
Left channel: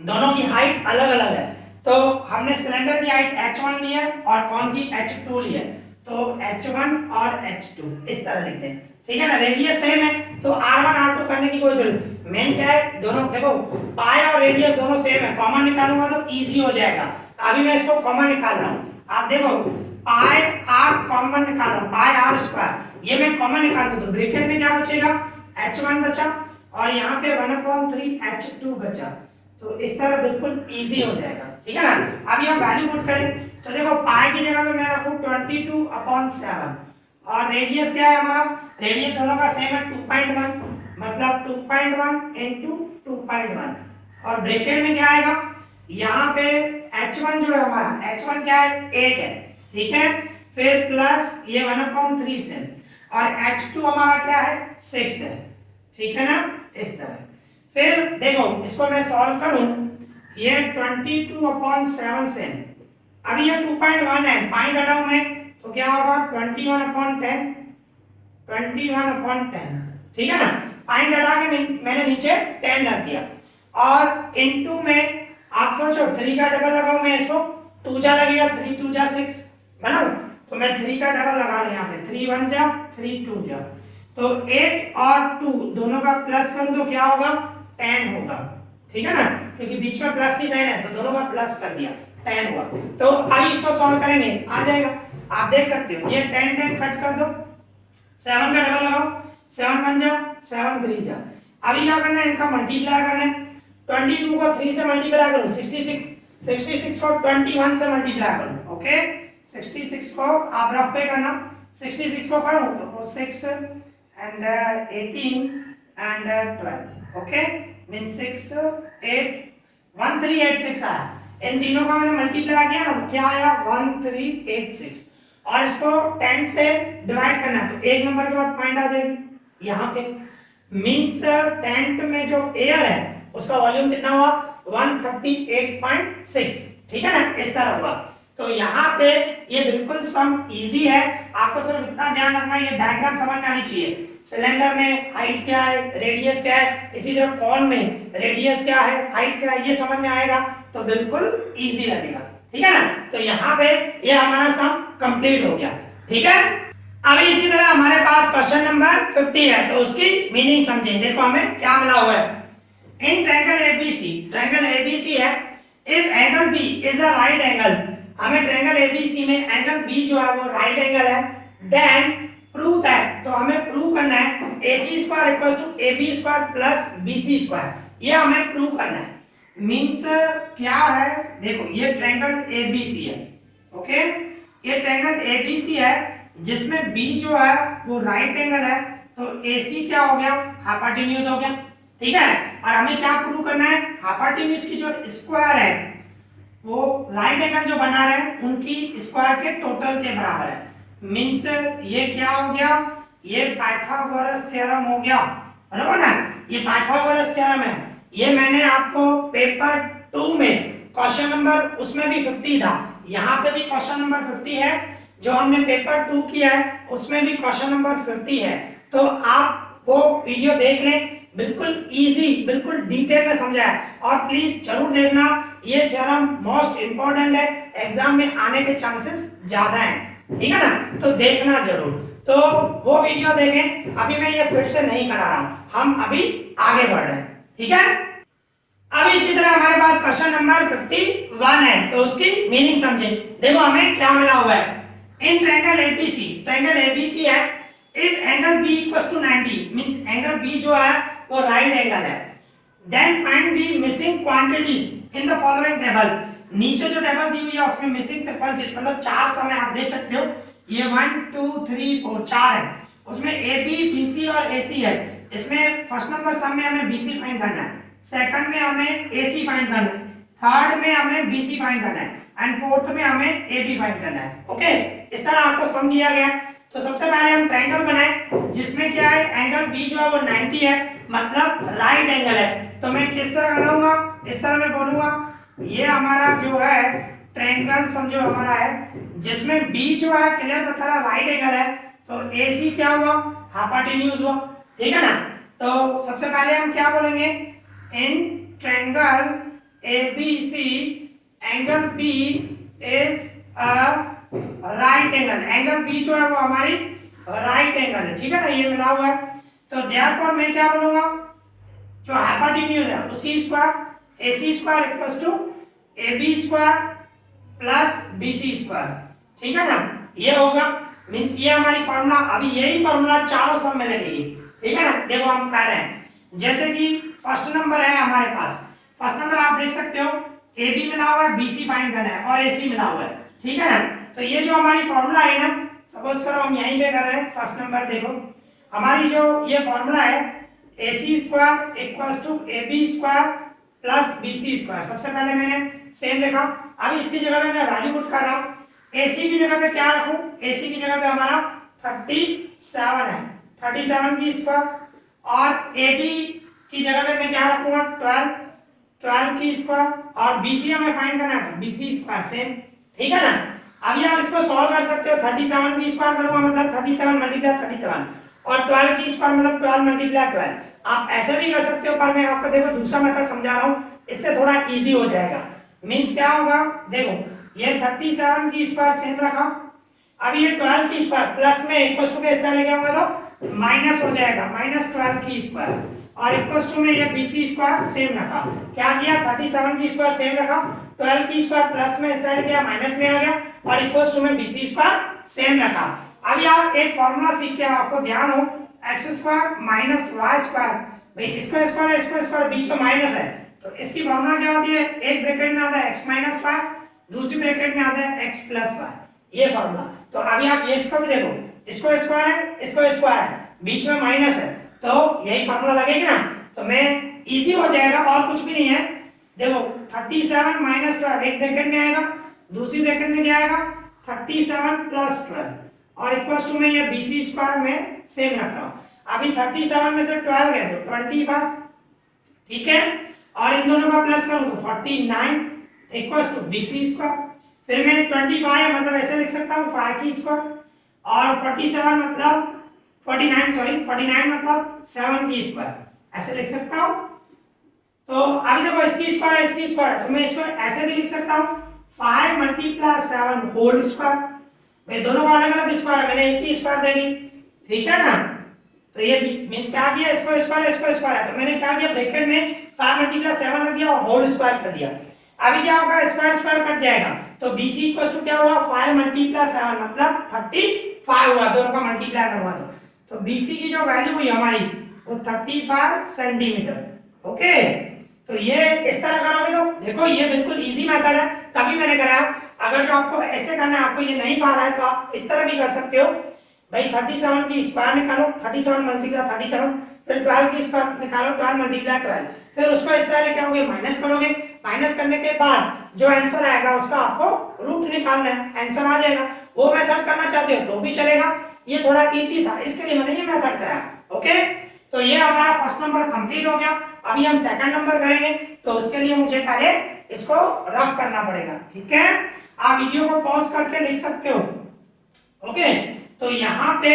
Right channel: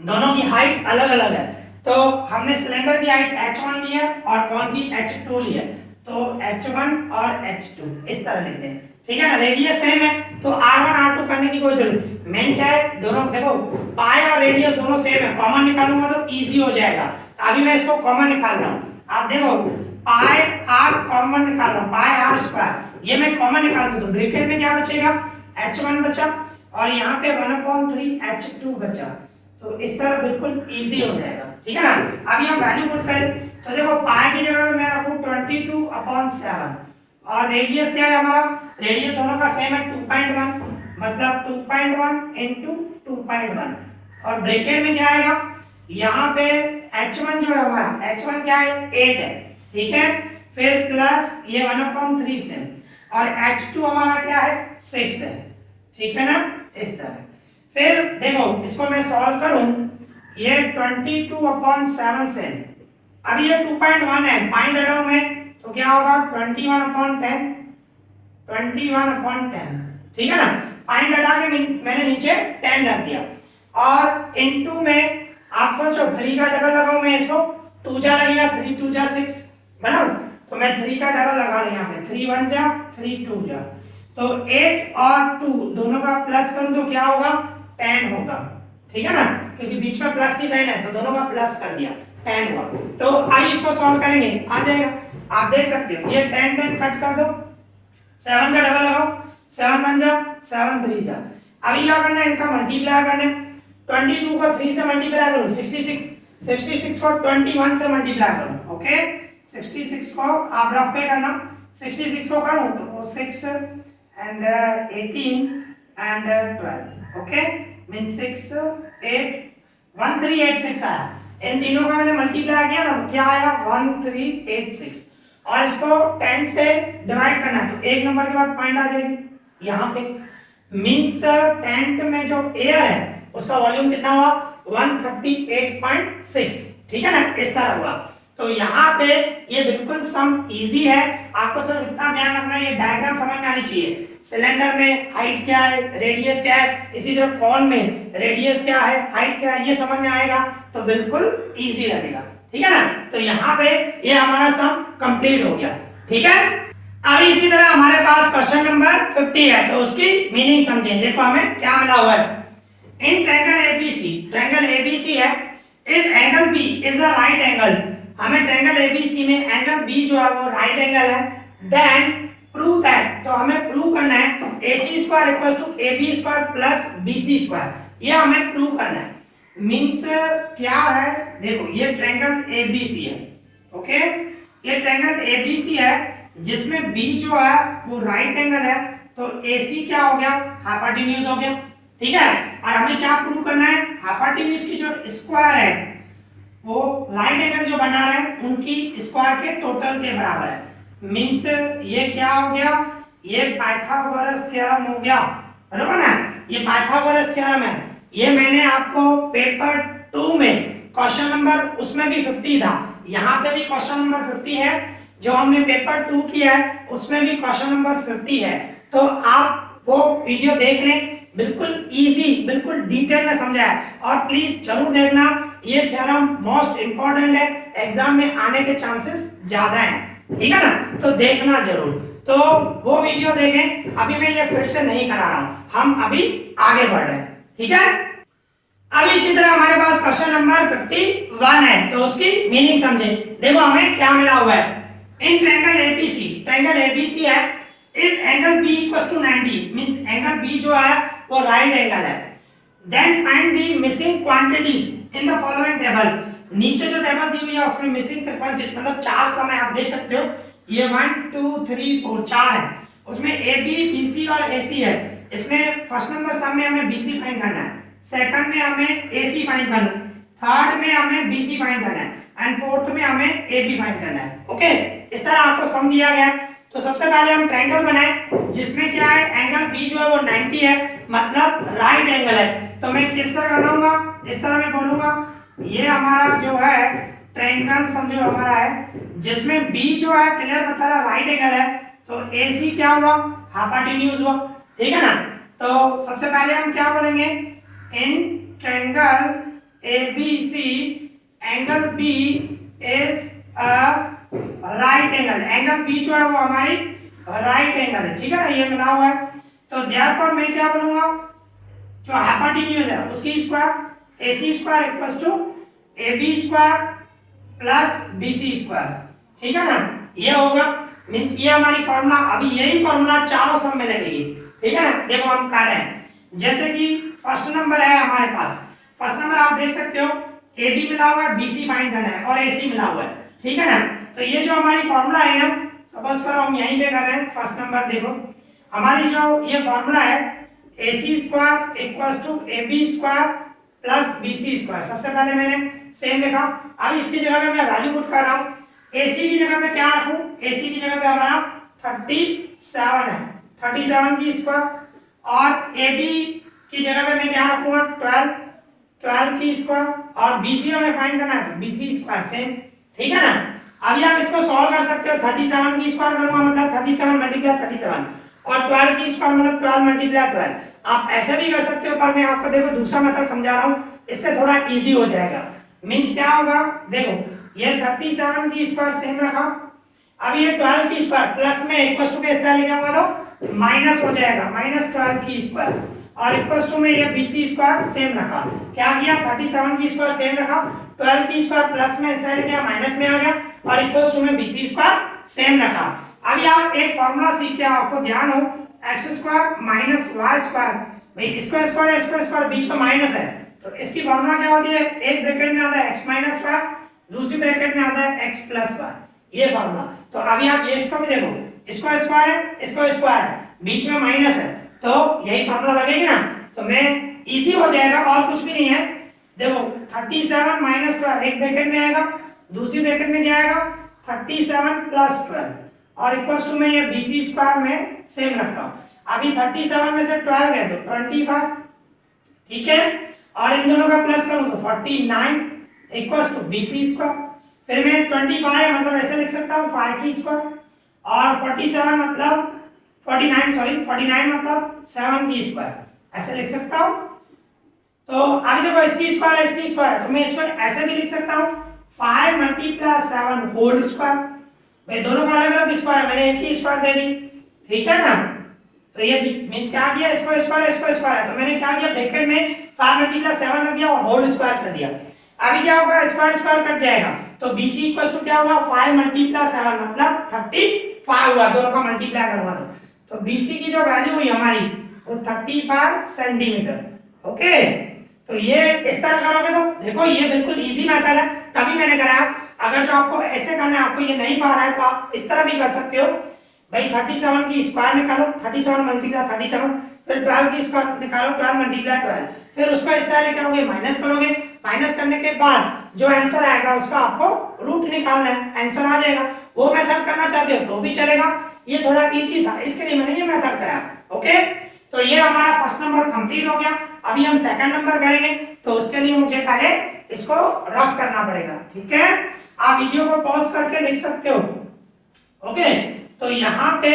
दोनों की हाइट अलग अलग है, तो हमने सिलेंडर की हाइट h1 ली है और कॉन की h2 ली है, तो h1 और h2 इस तरह लेते हैं। ठीक है ना, रेडियस सेम है तो r1 r2 करने की कोई जरूरत, मेन क्या है, दोनों देखो पाई और रेडियस दोनों सेम है, कॉमन निकालूंगा तो इजी हो जाएगा। अभी मैं इसको कॉमन निकाल रहा हूँ, आप देखो पाई r कॉमन निकाल रहा हूँ, पाई r स्क्वायर, ये मैं कॉमन निकाल दूं तो ब्रैकेट में क्या बचेगा, h1 बचा और यहाँ पे 1/3 h2 बचा। तो इस तरह बिल्कुल इजी हो जाएगा। ठीक है ना, अभी हम वैल्यू पुट करें तो देखो पाई की जगह पे मैं रखूं 22/7 और रेडियस क्या है हमारा, रेडियस दोनों का सेम है 2.1, मतलब 2.1 इंटू 2.1 और ब्रैकेट में क्या आएगा, यहाँ पे h1 जो है हमारा, h1 क्या है 8 है। ठीक है, फिर प्लस ये 1/3 से और h2 हमारा क्या है 6 है। ठीक है ना, इस तरह। फिर देखो इसको मैं सॉल्व करूं, ये 22/7 से, अभी ये 2.1 है, पाई हटाऊं मैं तो क्या होगा 21/10, 21/10। ठीक है ना, पाई हटा के मैंने नीचे 10 रख दिया और इनटू में आप सोचो 3 का डबल लगाऊं मैं, इसको 2 जा लगेगा, 3 2 जा 6 बना, तो मैं 3 का डबल लगा रहा हूं यहाँ पे, 3 1 जा 3 2 जा, तो 8 और 2 दोनों का प्लस करूं तो क्या होगा 10 होगा। ठीक है ना, क्योंकि बीच में प्लस की साइन है तो दोनों का प्लस कर दिया, 10 हुआ। तो अब इसको सॉल्व करेंगे, आ जाएगा, आप देख सकते हो, ये 10 10 कट कर दो, 7 का डबल लगाओ, 7 1 जा 7 3 जा। अभी क्या करना है, इनका मल्टीप्लाई करना है, 22 को 3 से मल्टीप्लाई करूं 66, 66 को 21 से मल्टीप्लाई करूं। ओके, 66 को आप रफ पे करना, 66 को करूं तो 6 and 18 and 12। ओके, मीन 6 8 1386 आया, इन तीनों का मैंने मल्टीप्लाई किया ना तो क्या आया 1386। और इसको 10 से डिवाइड करना है तो एक नंबर के बाद पॉइंट आ जाएगी यहाँ पे, मीन्स टेंट में जो एयर है उसका वॉल्यूम कितना हुआ 138.6। ठीक है ना, इस तरह हुआ। तो यहाँ पे ये बिल्कुल सम इजी है, आपको सिर्फ इतना ध्यान रखना है, ये डायग्राम समझ में आनी चाहिए। सिलेंडर में हाइट क्या है, रेडियस क्या है, इसी तरह कॉन में रेडियस क्या है, हाइट क्या है, ये समझ में आएगा तो बिल्कुल इजी लगेगा। ठीक है ना, तो यहाँ पे ये हमारा सम कंप्लीट हो गया। ठीक है, अभी इसी तरह हमारे पास क्वेश्चन नंबर 50 है, तो उसकी मीनिंग समझें। देखो हमें क्या मिला हुआ है, in triangle ABC, triangle ABC है, if angle B is a right angle, हमें ट्रायंगल एबीसी में एंगल बी जो है वो राइट एंगल है, देन प्रूव दैट, तो हमें प्रूव करना है A C square equal to A B square plus B C square, ये हमें प्रूव करना है। मीन्स क्या है, देखो ये ट्रायंगल ए बी सी है, ओके, ये ट्रायंगल ए बी सी है जिसमें बी जो है वो राइट एंगल है, तो ए सी क्या हो गया, हाइपोटेन्यूज हो गया, ठीक है। और हमें क्या प्रूव करना है, हाइपोटेन्यूज की जो स्क्वायर है वो राइट एंगल जो बना रहे हैं उनकी स्क्वायर के टोटल के बराबर है। मीन्स ये क्या हो गया, ये पाइथागोरस थ्योरम हो गया, बराबर ना, ये पाइथागोरस थ्योरम है। ये मैंने आपको पेपर 2 में क्वेश्चन नंबर उसमें भी 50 था, यहाँ पे भी क्वेश्चन नंबर 50 है, जो हमने पेपर 2 किया है उसमें भी क्वेश्चन नंबर 50 है। तो आप वो वीडियो देख लें, बिल्कुल इजी, बिल्कुल डिटेल में समझा है। और प्लीज जरूर देखना, ये थ्योरम मोस्ट इंपॉर्टेंट है, एग्जाम में आने के चांसेस ज्यादा हैं, ठीक है ना, तो देखना जरूर। तो वो वीडियो देखें, अभी मैं ये फिर से नहीं करा रहा हूं, हम अभी आगे बढ़ रहे हैं, ठीक है। अब इसी तरह हमारे पास क्वेश्चन नंबर 51 है, तो उसकी मीनिंग समझें। देखो हमें क्या मिला हुआ है, in triangle ABC, triangle ABC है, if angle B equals to 90, means angle B जो है वो राइट एंगल है, then find the missing quantities in the following table. नीचे जो टेबल दी हुई है उसमें मिसिंग फ्रीक्वेंसीज, मतलब 4 समय आप देख सकते हो, ये 1 2 3 4 4 है, उसमें ए बी बी सी और ए सी है। इसमें फर्स्ट नंबर सम में हमें बी सी फाइंड करना है, सेकंड में हमें ए सी फाइंड करना है, थर्ड में हमें बी सी फाइंड करना है, एंड फोर्थ में हमें ए बी फाइंड करना है, ओके। इस तरह आपको सम दिया गया। तो सबसे पहले हम ट्रायंगल बनाए जिसमें क्या है, एंगल बी जो है वो 90 है, मतलब राइट एंगल है। तो मैं किस तरह बनाऊंगा, इस तरह मैं बोलूंगा, ये हमारा जो है ट्रायंगल समझो हमारा है जिसमें बी जो है क्लियर बता रहा राइट एंगल है, तो ए सी क्या हुआ, हाइपोटेन्यूज हुआ, ठीक है ना। तो सबसे पहले हम क्या बोलेंगे, in triangle A B C angle B is a right angle, angle B जो है वो हमारी राइट एंगल है, ठीक है ना, ये मिला हुआ है। तो देयरफॉर मैं क्या बोलूंगा, जो हाइपोटेन्यूज है उसकी square A C square equals to A B square plus B C square, ठीक है ना, ये होगा। मींस ये हमारी फार्मूला, अभी यही फार्मूला चारों सब में लगेगी, ठीक है ना। देखो हम कर रहे हैं, जैसे कि फर्स्ट नंबर है हमारे पास, फर्स्ट नंबर आप देख सकते हो ए बी मिला हुआ है, बी सी फाइंड करना है और ए सी मिला हुआ है, ठीक है ना। तो ये जो हमारी फार्मूला है ना, सपोज करो हम यहीं पे कर रहे हैं, फर्स्ट नंबर देखो हमारी जो ये फार्मूला है, A C square equals to A B square plus B C square. सबसे पहले मैंने सेम लिखा, अब इसकी जगह पे मैं वैल्यू पुट कर रहा हूँ, ए सी की जगह पे क्या रखूँ, ए सी की जगह पे हमारा 37 है, 37 की स्क्वायर, और ए बी की जगह पे मैं क्या रखूँगा 12 की स्क्वायर, और बी सी हमें फाइंड करना है तो बी सी स्क्वायर सेम, ठीक है ना। अभी आप इसको सॉल्व कर सकते हो, 37 की स्क्वायर करूंगा मतलब 37 मल्टीप्लाई 37, और 12 की स्क्वायर मतलब 12 मल्टीप्लाई 12। आप ऐसे भी कर सकते हो, पर मैं आपको देखो दूसरा मेथड समझा रहा हूँ, इससे थोड़ा इजी हो जाएगा। मींस क्या होगा, देखो ये 37 की स्क्वायर सेम रखा, अब ये 12 की स्क्वायर प्लस में इक्वल टू के स्क्वायर लेके आऊंगा तो माइनस हो जाएगा, -12 की स्क्वायर, और इक्वल टू में ये BC स्क्वायर सेम रखा। क्या किया, 37 की स्क्वायर सेम रखा, 12 की स्क्वायर प्लस में इस साइड गया माइनस में आ गया, और इक्वल टू में BC स्क्वायर सेम रखा। अभी आप एक फॉर्मूला सीख के आपको ध्यान हो, x square minus y square, भाई इसको स्क्वायर बीच में माइनस है, तो इसकी फॉर्मूला क्या होती है, एक ब्रैकेट में आता है x माइनस y, दूसरी ब्रैकेट में आता है x प्लस y, ये फॉर्मूला। तो अभी आप ये इसको भी देखो, इसको स्क्वायर है, इसको स्क्वायर है, बीच में माइनस है, तो यही फॉर्मूला लगेगी ना, तो मैं इजी हो जाएगा और कुछ भी नहीं है। देखो 37 माइनस 12 एक ब्रैकेट में आएगा, दूसरी ब्रैकेट में क्या आएगा 37 प्लस 12, और इक्वल्स टू में ये BC स्क्वायर में सेम रख रहा हूं। अभी 37 में से 12 गए तो 25, ठीक है, और इन दोनों का प्लस करूं तो 49 इक्वल्स टू BC स्क्वायर। फिर मैं 25 मतलब ऐसे लिख सकता हूं 5 की स्क्वायर, और 47 मतलब 49 मतलब 7 की स्क्वायर, ऐसे लिख सकता हूं। तो अभी देखो इसकी स्क्वायर है, इसकी स्क्वायर है, तो मैं इसको ऐसे भी लिख सकता हूं 5 मल्टीप्लाई 7 होल स्क्वायर। भाई दोनों का अलग अलग स्क्वायर है, मैंने एक ही स्क्वायर दे दी, ठीक है ना। तो ये मींस क्या किया, इसको स्क्वायर है, तो मैंने क्या किया ब्रैकेट में 5 मल्टीप्लाई 7 रख दिया और होल स्क्वायर कर दिया। अभी क्या होगा, स्क्वायर कट जाएगा, तो BC इक्वल टू क्या होगा 5 मल्टीप्लाई 7 मतलब 35 हुआ, दोनों का मल्टीप्लाई करूंगा तो BC की जो वैल्यू हुई हमारी वो 35 सेंटीमीटर। ओके, तो ये इस तरह करोगे तो देखो ये बिल्कुल इजी मेथड है, तभी मैंने कराया। अगर जो आपको ऐसे करना है, आपको ये नहीं पा रहा है, तो आप इस तरह भी कर सकते हो भाई। 37 की स्क्वायर निकालो, 37 मल्टीप्लाई 37, फिर 12 की स्क्वायर निकालो, 12 मल्टीप्लाई 12, फिर उसको इस तरह क्या होगे, माइनस करोगे। माइनस करने के बाद जो आंसर आएगा उसका आपको रूट निकालना है, आंसर आ जाएगा। वो मेथड करना चाहते हो तो भी चलेगा, ये थोड़ा इजी था इसके लिए मैंने ये मेथड कराया। ओके, तो ये हमारा फर्स्ट नंबर कंप्लीट हो गया। अभी हम सेकंड नंबर करेंगे, तो उसके लिए मुझे पहले इसको रफ करना पड़ेगा। ठीक है, आप वीडियो को पॉज करके लिख सकते हो। ओके, तो यहाँ पे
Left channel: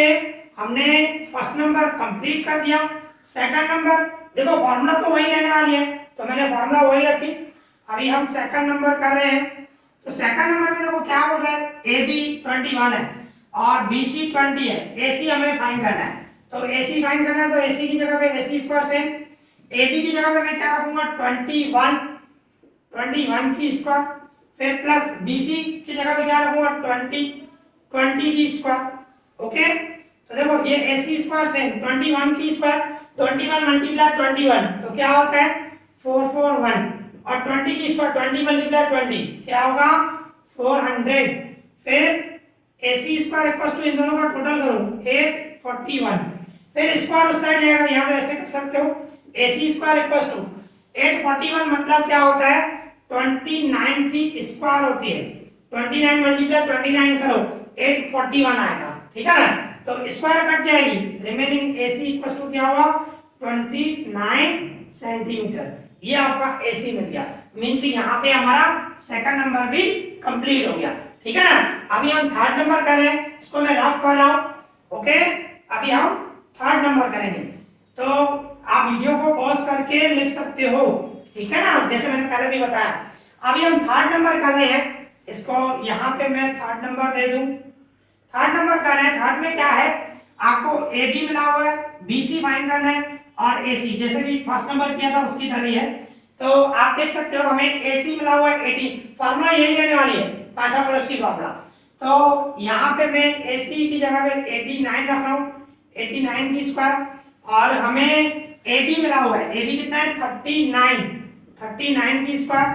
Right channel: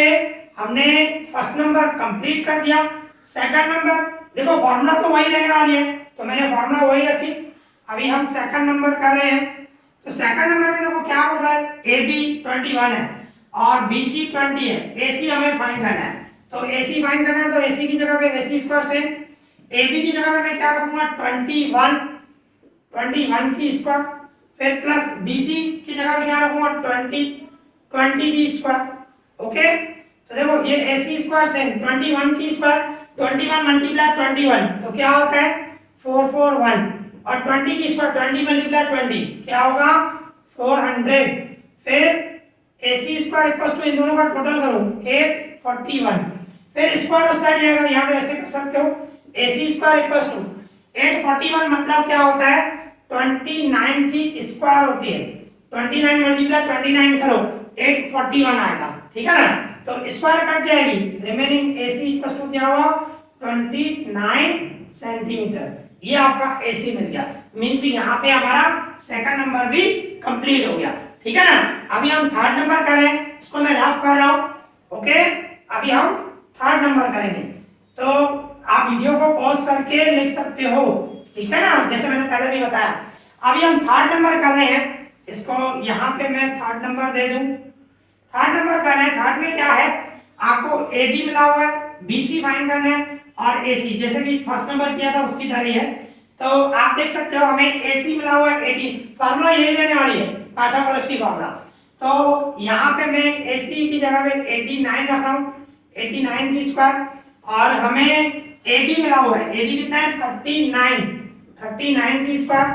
हमने फर्स्ट नंबर कंप्लीट कर दिया। सेकंड नंबर देखो फॉर्मूला तो वही रहने वाली है, तो मैंने फॉर्मूला वही रखी। अभी हम सेकंड नंबर कर रहे हैं, तो सेकंड नंबर में देखो क्या बोल रहा है, AB 21 है और BC 20 है, AC हमें फाइंड करना है। तो AC फाइंड करना है, तो AC की जगह पे AC स्क्वायर से AB की जगह पे मैं क्या रखूंगा 21 की स्क्वायर, फिर प्लस BC की जगह पे क्या रखूंगा 20 की स्क्वायर। ओके, तो देखो ये AC स्क्वायर से 21 की स्क्वायर, 21 मल्टीप्लाई 21 तो क्या होता है 441, और 20 की स्क्वायर 20 मल्टीप्लाई 20 क्या होगा 400। फिर AC स्क्वायर इक्वल्स टू इन दोनों का टोटल करूं 841, फिर स्क्वायर उस साइड जाएगा, यहाँ पे ऐसे कर सकते हो AC स्क्वायर इक्वल्स टू 841 मतलब क्या होता है 29 की स्क्वायर होती है, 29 मल्टीप्लाई 29 करो 841 आएगा। ठीक है ना, तो स्क्वायर कट जाएगी, रिमेनिंग AC इक्वल्स टू क्या हुआ 29 सेंटीमीटर। ये आपका AC मिल गया, मींस यहाँ पे हमारा सेकंड नंबर भी कंप्लीट हो गया। ठीक है ना, अभी हम थर्ड नंबर कर रहे हैं, इसको मैं रफ कर रहा हूं। ओके, अभी हम थर्ड नंबर करेंगे, तो आप वीडियो को पॉज करके लिख सकते हो। ठीक है ना, जैसे मैंने पहले भी बताया। अभी हम थर्ड नंबर कर रहे हैं, इसको यहाँ पे मैं थर्ड नंबर दे दूं। थर्ड नंबर कर रहे हैं, थर्ड में क्या है आपको AB मिला हुआ है, BC फाइंड करना है और AC, जैसे कि फर्स्ट नंबर किया था उसकी तरह ही है। तो आप देख सकते हो हमें AC मिला हुआ है 80, फार्मूला यही रहने वाली है पाइथागोरस की फार्मूला। तो यहाँ पे मैं AC की जगह पे 89 रख रहा हूँ, 89 की स्क्वायर, और हमें AB मिला हुआ है, AB कितना है 39 की स्क्वायर,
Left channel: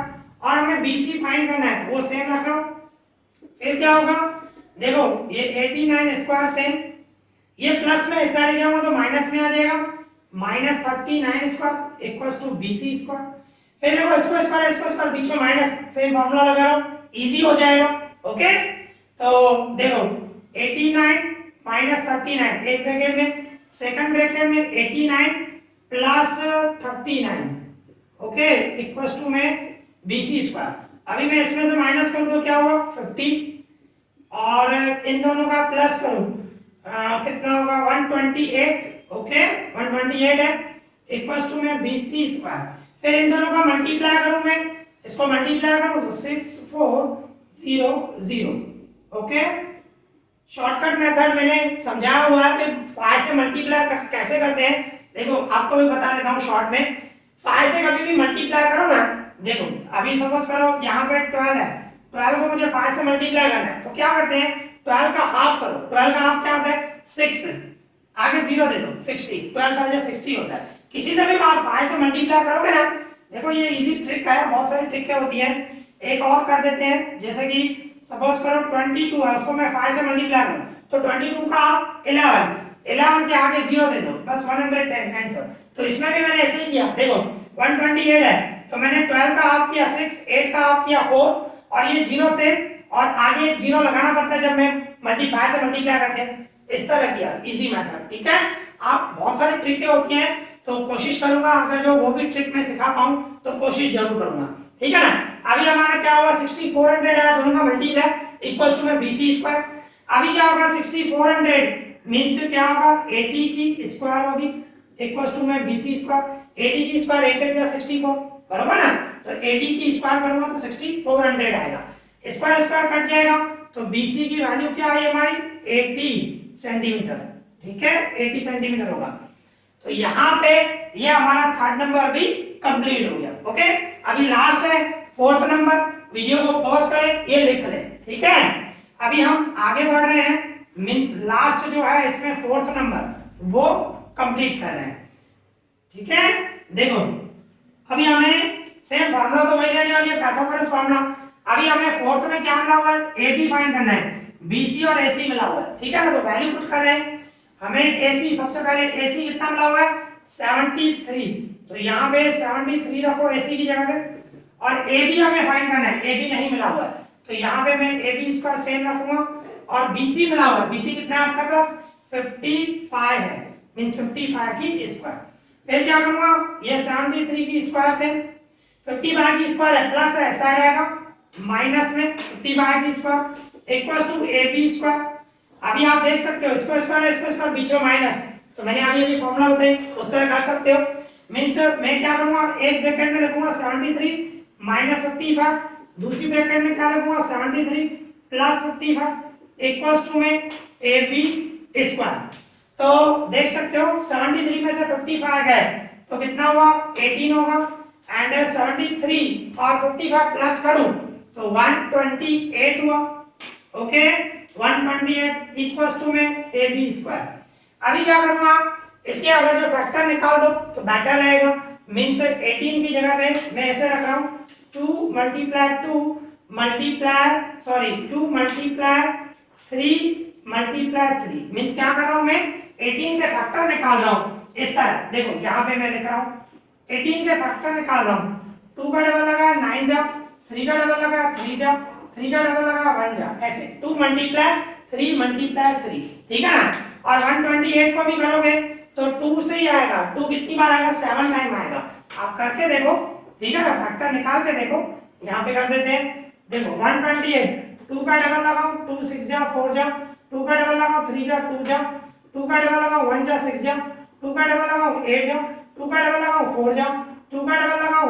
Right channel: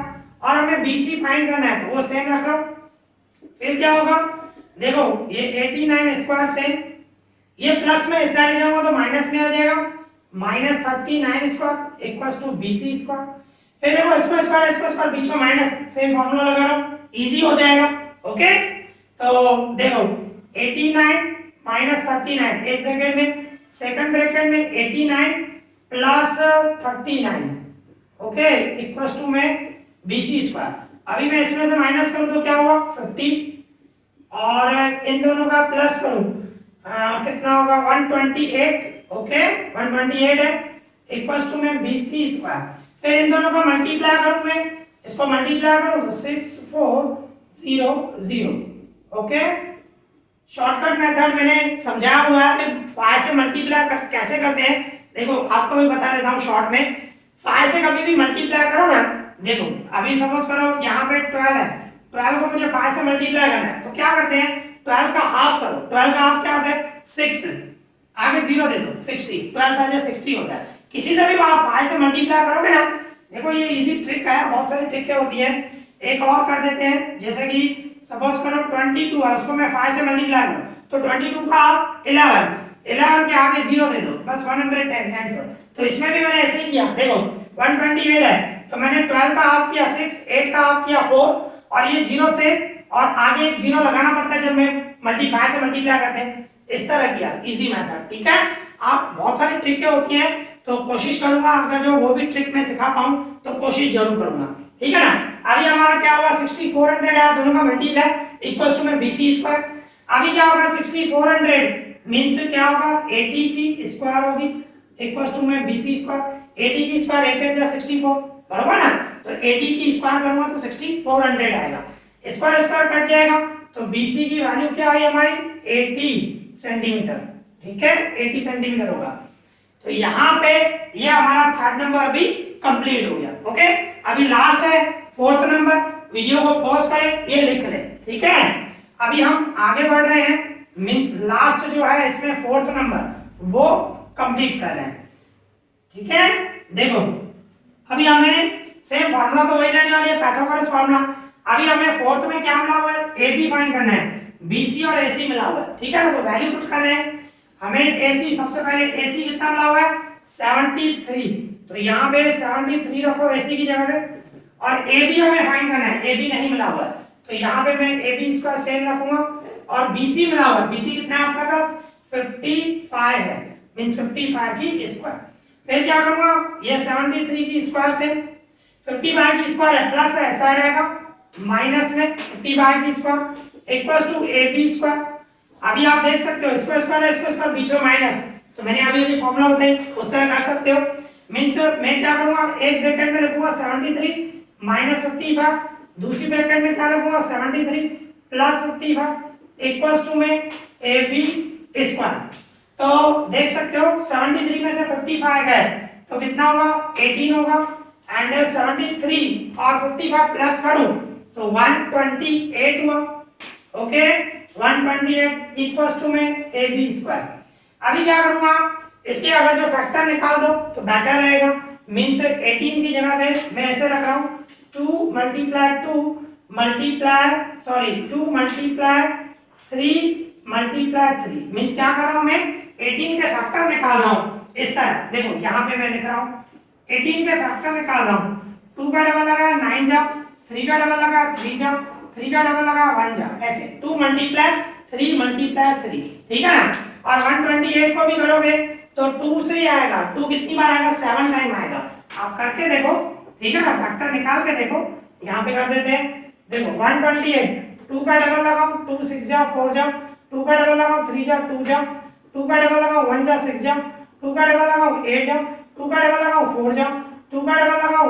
और हमें BC फाइंड करना है तो वो सेम रख रहा हूँ। फिर क्या होगा देखो ये 89 स्क्वायर से ये प्लस में इस साइड जाऊंगा तो माइनस में आ जाएगा, -39 square equals to BC square. फिर देखो इसको स्क्वायर बीच में माइनस, सेम फार्मूला लगा रहा हूं, इजी हो जाएगा। ओके, तो देखो 89 -39 एक ब्रैकेट में, सेकंड ब्रैकेट में 89 प्लस 39 ओके इक्वल्स टू में BC स्क्वायर। अभी मैं इसमें से माइनस करूं तो क्या हुआ 50, और इन दोनों का प्लस करूं कितना होगा 128। ओके 128 है इक्वल्स टू में BC स्क्वायर। फिर इन दोनों का मल्टीप्लाई करूं, मैं इसको मल्टीप्लाई करूं तो 6400। ओके, शॉर्टकट मेथड मैंने समझाया हुआ है कि 5 से मल्टीप्लाई कैसे करते हैं। देखो आपको भी बता देता हूं शॉर्ट में, 5 से कभी भी मल्टीप्लाई करो ना, देखो अभी सपोज करो यहाँ पे 12 है, 12 को मुझे 5 से मल्टीप्लाई करना है, तो क्या करते हैं 12 का हाफ करो, 12 का हाफ क्या होता है 6, आगे 0 दे दो 60, 12 का 60 होता है। किसी से भी आप 5 से मल्टीप्लाई करोगे ना, देखो ये इजी ट्रिक है, बहुत सारी ट्रिकें होती है। एक और कर देते हैं, जैसे कि सपोज करो 22 है, उसको मैं 5 से मल्टीप्लाई करूं तो 22 का हाफ 11 के आगे 0 दे दो, बस 110 आंसर। तो इसमें भी मैंने ऐसे ही किया, देखो 128 है तो मैंने 12 का हाफ किया 6, 8 का हाफ किया 4, और ये 0 से और आगे एक 0 लगाना पड़ता है जब मैं 5 से मल्टीप्लाई करते हैं, इस तरह किया, इजी मेथड। ठीक है, आप बहुत सारी ट्रिकें होती हैं, तो कोशिश करूंगा अगर जो वो भी ट्रिक मैं सिखा पाऊं तो कोशिश जरूर करूंगा। ठीक है ना, अभी हमारा क्या हुआ 6400 है, दोनों का मल्टीप्लाई इक्वल्स टू में BC स्क्वायर। अभी क्या होगा 6400 मींस क्या होगा 80 की स्क्वायर होगी इक्वल्स टू में BC स्क्वायर। 80 की स्क्वायर 8 या 64 बराबर ना, तो 80 की स्क्वायर करूंगा तो 6400 आएगा, स्क्वायर स्क्वायर कट जाएगा, तो BC की वैल्यू क्या आई हमारी 80 सेंटीमीटर। ठीक है 80 सेंटीमीटर होगा। तो यहाँ पे ये हमारा थर्ड नंबर भी कंप्लीट हो गया। ओके, अभी लास्ट है फोर्थ नंबर, वीडियो को पॉज करें, ये लिख लें। ठीक है, अभी हम आगे बढ़ रहे हैं, मींस लास्ट जो है इसमें फोर्थ नंबर, वो कंप्लीट कर रहे हैं। ठीक है, देखो अभी हमें सेम फार्मूला तो वही रहने वाली है, पाइथागोरस फार्मूला। अभी हमें फोर्थ में क्या मिला हुआ है, AB फाइंड करना है, BC और AC मिला हुआ है। ठीक है ना, तो वैल्यू पुट कर रहे हैं। हमें AC सबसे पहले AC कितना मिला हुआ है 73, तो यहाँ पे 73 रखो AC की जगह पे। और AB हमें फाइंड करना है, AB नहीं मिला हुआ है, तो यहाँ पे मैं AB स्क्वायर सेम रखूंगा। और BC मिला हुआ है, BC कितना है आपके पास 55 है, मींस 55 की स्क्वायर। फिर क्या करूंगा, ये 73 की स्क्वायर से 55 की स्क्वायर है, प्लस है साइड आएगा माइनस में 55 की square equals to AB square. अभी आप देख सकते हो इसको स्क्वायर बीच में माइनस, तो मैंने अभी फॉर्मूला बताई उस तरह कर सकते हो। मींस मैं क्या करूंगा, एक ब्रैकेट में लिखूंगा 73 माइनस 55, दूसरी ब्रैकेट में क्या लिखूंगा 73 प्लस 55 इक्वल्स टू में AB स्क्वायर। तो देख सकते हो 73 में से 55 गए तो कितना होगा 18 होगा, एंड 73 और 55 प्लस करूं तो 128 हुआ। ओके, 128 इक्वल्स टू में AB स्क्वायर। अभी क्या करूंगा, इसके अगर जो फैक्टर निकाल दो तो बेटर रहेगा। मींस 18 की जगह पे मैं ऐसे रख रहा हूं 2 मल्टीप्लाई 2 मल्टीप्लाई 3 मल्टीप्लाई 3, मींस क्या कर रहा हूं मैं 18 के फैक्टर निकाल रहा हूं इस तरह। देखो यहाँ पे मैं लिख रहा हूं 18 के फैक्टर निकाल रहा हूं, 2 का डबल लगा 9 जा, 3 का डबल लगा 3 जा, 3 का डबल लगा 1 जा, ऐसे 2 मल्टीप्लाई 3 मल्टीप्लाई 3। ठीक है ना, और 128 को भी करोगे तो 2 से ही आएगा, 2 कितनी बार आएगा 7 टाइम आएगा। आप करके देखो, ठीक है ना, फैक्टर निकाल के देखो, यहाँ पे कर देते हैं। देखो 128, 2 का डबल लगाओ 2 6 जा 4 जा, 2 का डबल लगाओ 3 जा 2 जा, 2 का डबल लगाओ 1 जा 6 जा, 2 का डबल लगाओ 8 जा, 2 का डबल लगाओ 4 जा, 2 का डबल लगाओ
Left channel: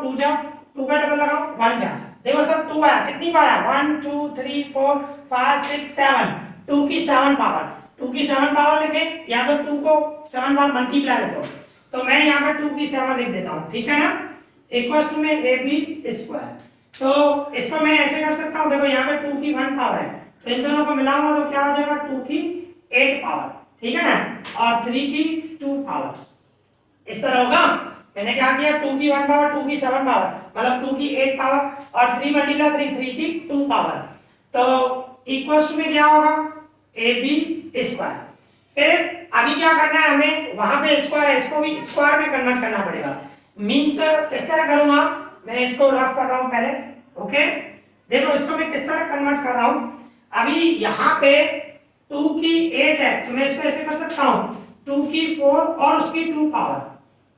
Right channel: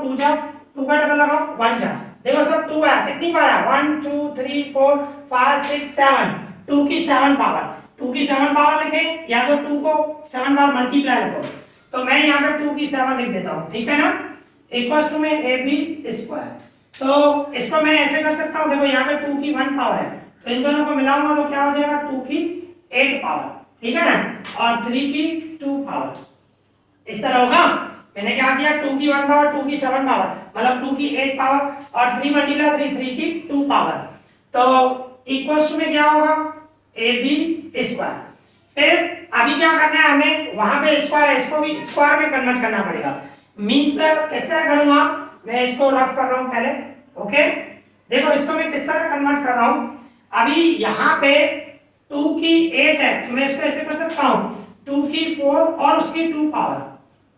2 जा, 2 का डबल लगाओ 1 जा। देखो सब 2 है, कितनी बार है 1 2 3 4 5 6 7, 2 की 7 पावर, 2 की 7 पावर लिखे या तो 2 को 7 बार मल्टीप्लाई लिखो, तो मैं यहाँ पे 2 की 7 लिख देता हूँ। ठीक है ना, इक्वल्स टू में AB स्क्वायर। तो इसको मैं ऐसे कर सकता हूँ, देखो यहाँ पे 2 की 1 पावर है, तो इन दोनों को मिलाऊंगा तो क्या हो जाएगा 2 की 8 पावर। ठीक है ना, और 3 की 2 पावर, इस तरह होगा। मैंने क्या किया 2 की 1 पावर 2 की 7 पावर मतलब 2 की 8 पावर और 3 मल्टीप्लाई 3 की 2 पावर, तो इक्वल्स में क्या होगा AB स्क्वायर। फिर अभी क्या करना है हमें, वहां पे स्क्वायर है, इसको भी स्क्वायर में कन्वर्ट करना पड़ेगा। मींस किस तरह करूंगा, मैं इसको रफ कर रहा हूं पहले। ओके, देखो इसको मैं किस तरह कन्वर्ट कर रहा हूं। अभी यहाँ पे 2 की 8 है तो मैं इसको ऐसे कर सकता हूं 2 की 4 और उसकी 2 पावर,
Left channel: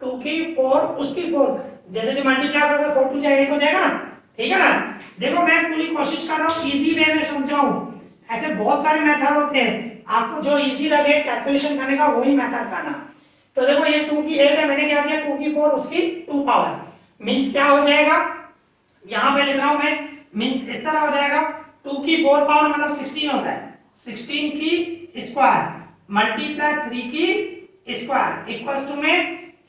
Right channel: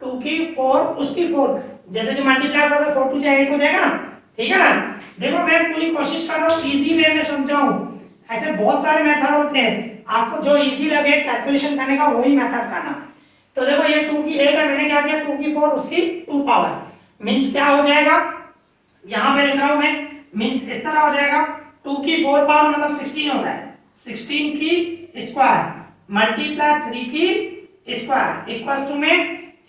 2 की 4 उसकी 4, जैसे कि मल्टीप्लाई करोगे 4 2 8 हो जाएगा ना। ठीक है ना, देखो मैं पूरी कोशिश कर रहा हूँ इजी वे में समझाऊं, ऐसे बहुत सारे मेथड होते हैं, आपको जो इजी लगे कैलकुलेशन करने का वही मेथड करना। तो देखो ये 2 की 8 है, मैंने क्या किया 2 की 4 उसकी 2 पावर, मींस क्या हो जाएगा, यहां पे लिख रहा हूं मैं, मींस इस तरह हो जाएगा 2 की 4 पावर मतलब 16 होता है, 16 की स्क्वायर मल्टीप्लाई 3 की स्क्वायर इक्वल्स टू में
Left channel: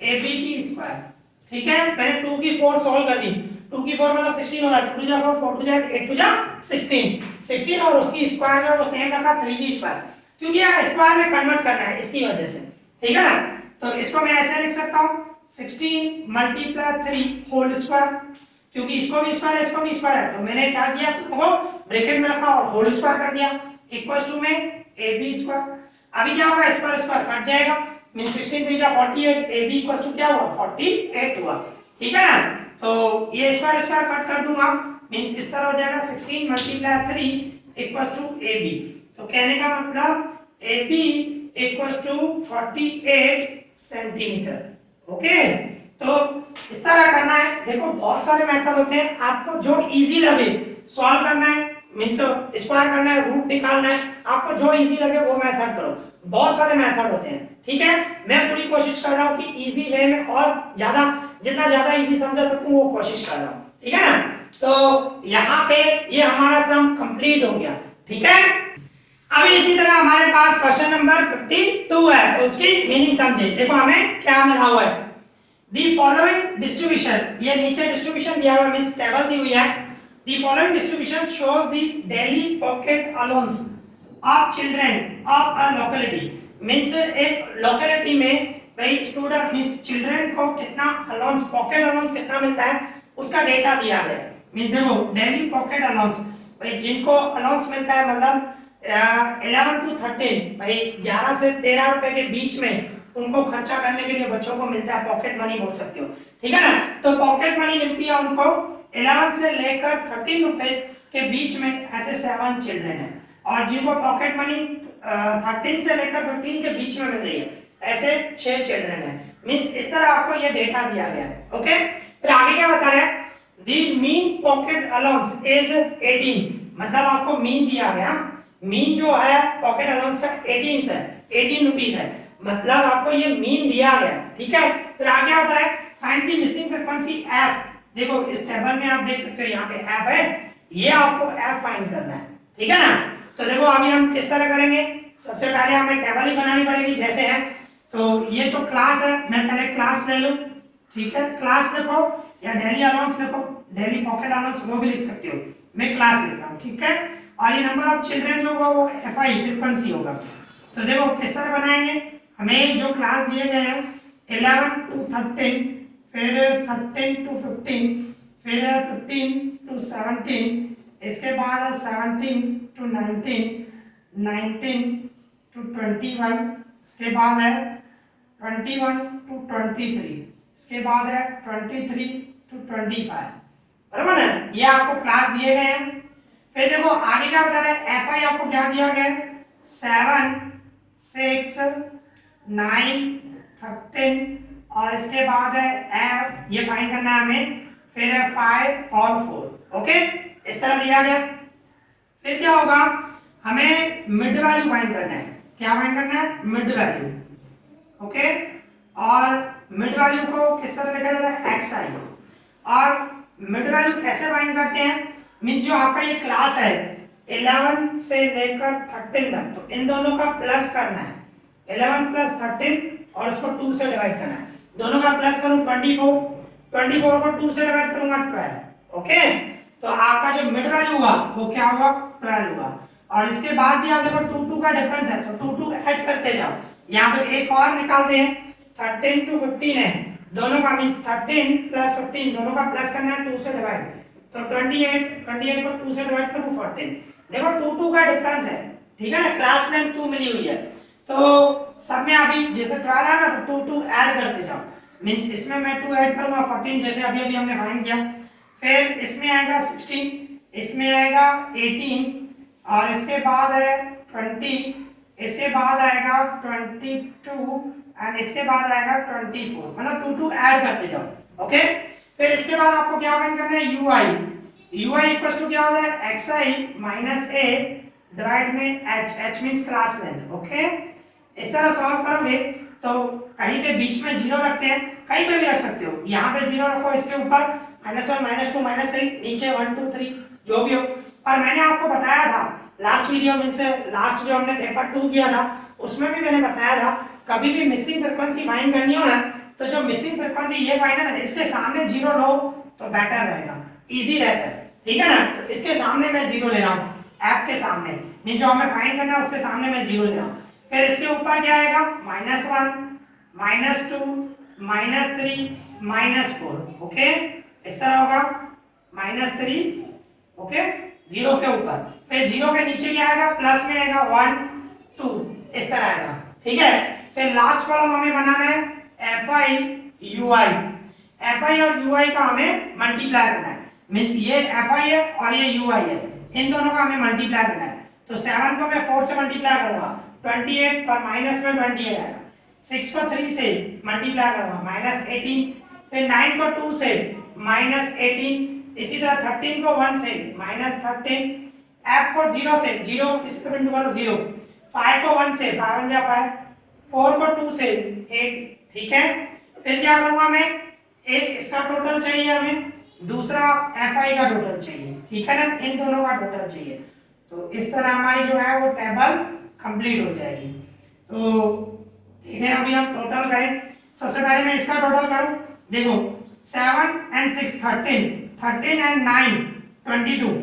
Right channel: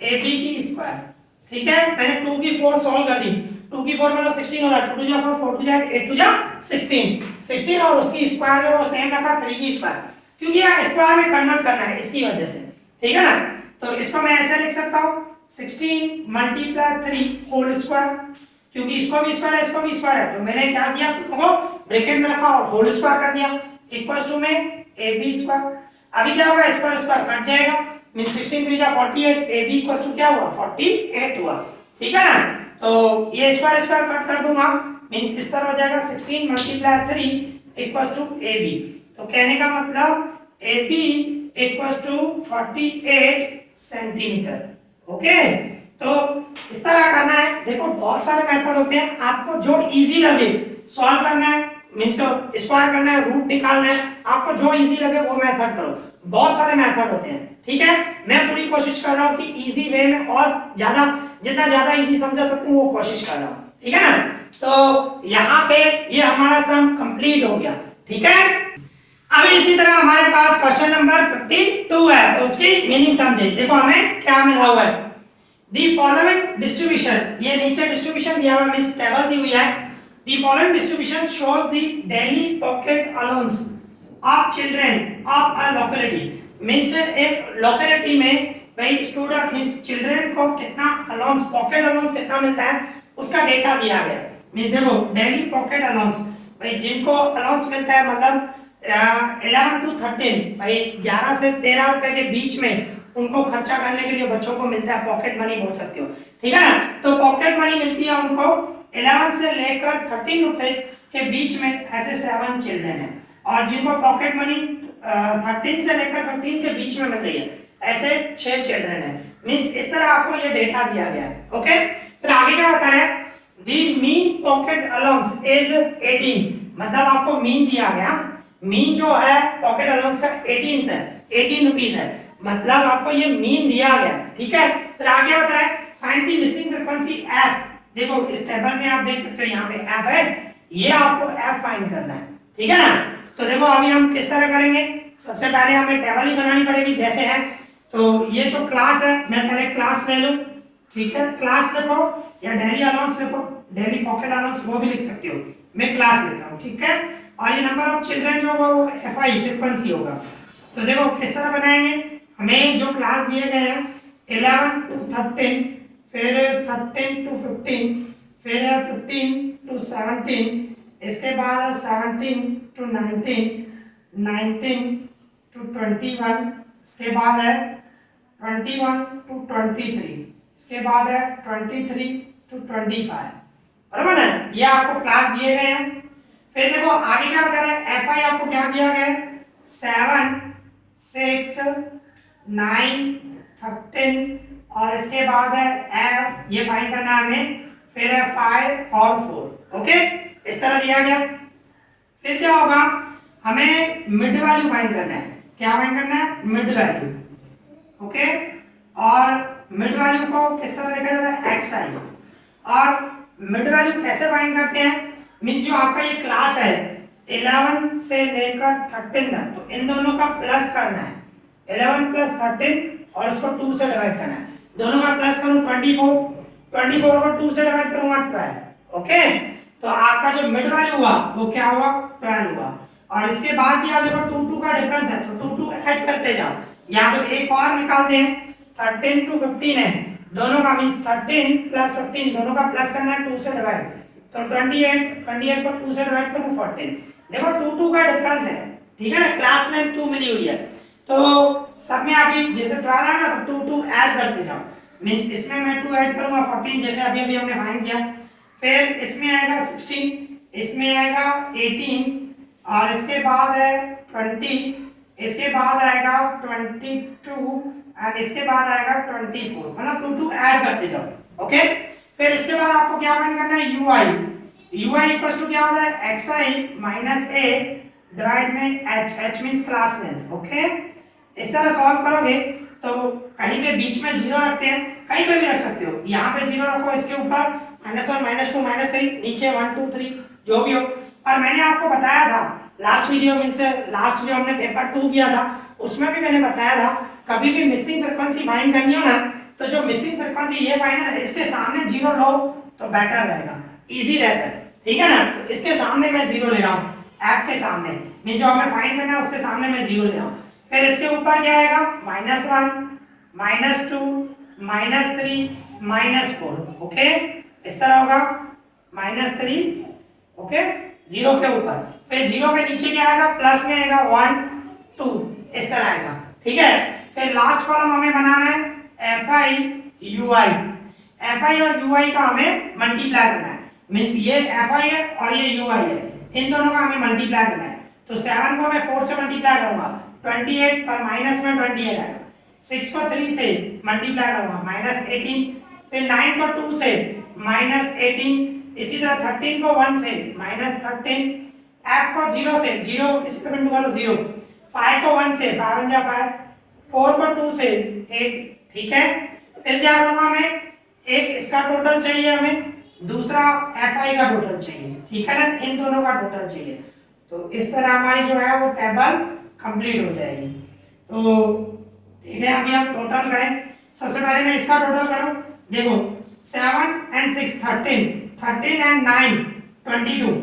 AB की स्क्वायर। ठीक है, मैंने 2 की 4 सॉल्व कर दी, 2 की 4 मतलब 16 होगा, 2 2 जा 4 4 2 जा 8 2 जा 16 और उसकी स्क्वायर जो वो सेम रखा 3 की स्क्वायर, क्योंकि यह स्क्वायर में कन्वर्ट करना है इसकी वजह से। ठीक है ना, तो इसको मैं ऐसे लिख सकता हूं 16 मल्टीप्लाई 3 होल स्क्वायर, क्योंकि इसको भी स्क्वायर है इसको भी स्क्वायर है, तो मैंने क्या किया दोनों को ब्रैकेट में रखा और होल स्क्वायर कर दिया इक्वल्स टू में AB स्क्वायर। अभी क्या होगा स्क्वायर स्क्वायर कट जाएगा, मीन 16 3 का 48, AB इक्वल्स टू क्या हुआ 48 हुआ। ठीक है ना, तो ये स्क्वायर स्क्वायर कट कर दूंगा, मींस इस तरह हो जाएगा 16 मल्टीप्लाई 3 इक्वल्स टू AB। तो कहने का मतलब AB equals to 48 centimetre. Okay, तो इस तरह करना है। देखो बहुत सारे मेथड होते हैं, आपको जो इजी लगे सॉल्व करना है, मींस स्क्वायर करना है, रूट निकालना है, आपको जो इजी लगे वो मेथड करो। बहुत सारे मेथड होते हैं। ठीक है, मैं पूरी कोशिश कर रहा हूँ कि इजी वे में और ज्यादा जितना ज्यादा इजी समझा सकूं वो कोशिश कर रहा हूँ। ठीक है ना, तो यहाँ पे ये हमारा सम कंप्लीट हो गया। ठीक है, अब इसी तरह हमारे पास क्वेश्चन नंबर 52 है, तो उसकी मीनिंग समझे। देखो हमें क्या मिला हुआ है, दी फॉलोइंग डिस्ट्रीब्यूशन, ये नीचे डिस्ट्रीब्यूशन दिया हुआ है, मींस टेबल दी हुई है। The following distribution shows the daily pocket allowance of children of a locality. Means एक लोकेलिटी में भाई स्टूडेंट मीन्स चिल्ड्रन को कितना अलाउंस पॉकेट अलाउंस कितना मिलता है उसका डेटा दिया गया है। मीन्स देखो डेली पॉकेट अलाउंस भाई जिनको अलाउंस मिलता है मतलब 11 to 13 भाई 11 से 13 रुपए के बीच में उनको खर्चा करने के लिए बच्चों को मिलता है, पॉकेट मनी बोल सकते हो, ठीक है ना। तो पॉकेट मनी मिलती है उनको 11 से लेकर 13 रुपीस के बीच में, ऐसे 7 चिल्ड्रन है। और जिनको पॉकेट मनी 13 से लेकर 15 के बीच में मिल रही है ऐसे 6 चिल्ड्रन है। मींस इस तरह आपको ये डेटा दिया गया है। ओके, फिर आगे क्या बता रहे हैं, दी मीन पॉकेट अलाउंस इज 18, मतलब आपको मीन दिया गया, मीन जो है पॉकेट अलाउंस का 18 है, 18 रुपीस है, मतलब आपको ये मीन दिया गया, ठीक है। फिर आगे बता रहे हैं find the missing frequency F. देखो इस टेबल में आप देख सकते हो यहाँ पे एफ है, ये आपको एफ फाइंड करना है, ठीक है ना। तो देखो अभी हम किस तरह करेंगे, सबसे पहले हमें टेबल ही बनानी पड़ेगी जैसे है। तो ये जो क्लास है मैं पहले क्लास ले लूं, ठीक है, क्लास लिखो या डेली अलाउंस लिखो, डेली पॉकेट अलाउंस वो भी लिख सकते हो, मैं क्लास लिख रहा हूँ, ठीक है। और ये नंबर ऑफ चिल्ड्रन जो होगा वो एफ आई फ्रीक्वेंसी होगा। तो देखो किस तरह बनाएंगे, हमें जो क्लास दिए गए हैं 11 to 13, फिर 13 to 15, फिर 15 to 17, इसके बाद 17 to 19, 19 to 21, इसके बाद है 21 to 23, इसके बाद है 23 to 25, बराबर ना। ये आपको क्लास दिए गए हैं। फिर देखो आगे क्या बता रहे हैं, एफ आई आपको क्या दिया गया है 7, 6, 9, 13 और इसके बाद है एफ, ये फाइंड करना है हमें, फिर है 5 और 4। ओके, इस तरह दिया गया। फिर क्या होगा, हमें मिड वैल्यू फाइंड करना है, क्या फाइंड करना है, मिड वैल्यू। ओके, और मिड वैल्यू को किस तरह लिखा जाता है, एक्स आई। और मिड वैल्यू कैसे फाइंड करते हैं, मींस जो आपका ये क्लास है 11 से लेकर 13 तक, तो इन दोनों का प्लस करना है, 11 प्लस 13 और उसको 2 से डिवाइड करना है, दोनों का प्लस करूं 24, 24 को 2 से डिवाइड करूंगा 12। ओके, तो आपका जो मिड वैल्यू हुआ वो क्या हुआ, 12 हुआ। और इसके बाद भी आप देखो 2 का डिफरेंस है तो 2 ऐड करते जाओ, या तो एक और निकालते हैं 13 to 15 है, दोनों का मींस 13 प्लस 15 दोनों का प्लस करना है 2 से डिवाइड, तो 28 को 2 से डिवाइड करूं 14। देखो 2 का डिफरेंस है, ठीक है ना, क्लास में 2 मिली हुई है, तो सब में अभी जैसे 12 है ना तो 2 ऐड करते जाओ, मींस इसमें मैं 2 ऐड करूंगा 14 जैसे अभी अभी हमने फाइंड किया, फिर इसमें आएगा 16, इसमें आएगा 18 और इसके बाद है 20, इसके बाद आएगा 22 एंड इसके बाद आएगा 24, मतलब 2 ऐड करते जाओ। ओके, फिर इसके बाद आपको क्या फाइंड करना है, u i. U i equals to क्या होता है, x i minus a divide में h, h means class length. Okay, इस तरह सॉल्व करोगे तो कहीं पे बीच में 0 रखते हैं, कहीं पे भी रख सकते हो, यहाँ पे 0 रखो, इसके ऊपर -1 -2 -3, नीचे 1 2 3 जो भी हो। पर मैंने आपको बताया था लास्ट वीडियो में से, लास्ट जो हमने पेपर 2 किया था उसमें भी मैंने बताया था कभी भी मिसिंग फ्रीक्वेंसी फाइंड करनी हो ना तो जो मिसिंग फ्रीक्वेंसी ये फाइंड है इसके सामने 0 लो तो बेटर रहेगा, इजी रहता है, ठीक है ना। तो इसके सामने मैं 0 ले रहा हूँ, एफ के सामने मीन जो हमें फाइंड करना है उसके सामने मैं 0 ले रहा हूँ। फिर इसके ऊपर क्या आएगा, -1 -2 -3 -4। ओके, इस तरह होगा -3, ओके, 0 के ऊपर, फिर 0 के नीचे क्या आएगा, प्लस में आएगा 1 2, इस तरह आएगा, ठीक है। फिर लास्ट कॉलम हमें बनाना है F I u I, F I और यू आई का हमें मल्टीप्लाई करना है, मीन्स ये एफ आई है और ये यू आई है, इन दोनों का हमें मल्टीप्लाई करना है। तो 7 को मैं 4 से मल्टीप्लाई करूंगा 28 और माइनस में 28 आएगा, 6 को 3 से मल्टीप्लाई करूंगा -18, फिर 9 को 2 से -18, इसी तरह 13 को 1 से -13, f को 0 से 0 इस बिंदु वाला 0, 5 को 1 से 5 1 जा 5, 4 को 2 से 8, ठीक है। फिर क्या करूंगा मैं, एक इसका टोटल चाहिए हमें, दूसरा एफ आई का टोटल चाहिए, ठीक है ना, इन दोनों का टोटल चाहिए। तो इस तरह हमारी जो है वो टेबल कंप्लीट हो जाएगी। तो ठीक है, अभी हम टोटल करें, सबसे पहले मैं इसका टोटल करूं, देखो 7 and 6 13, 13 and 9 22,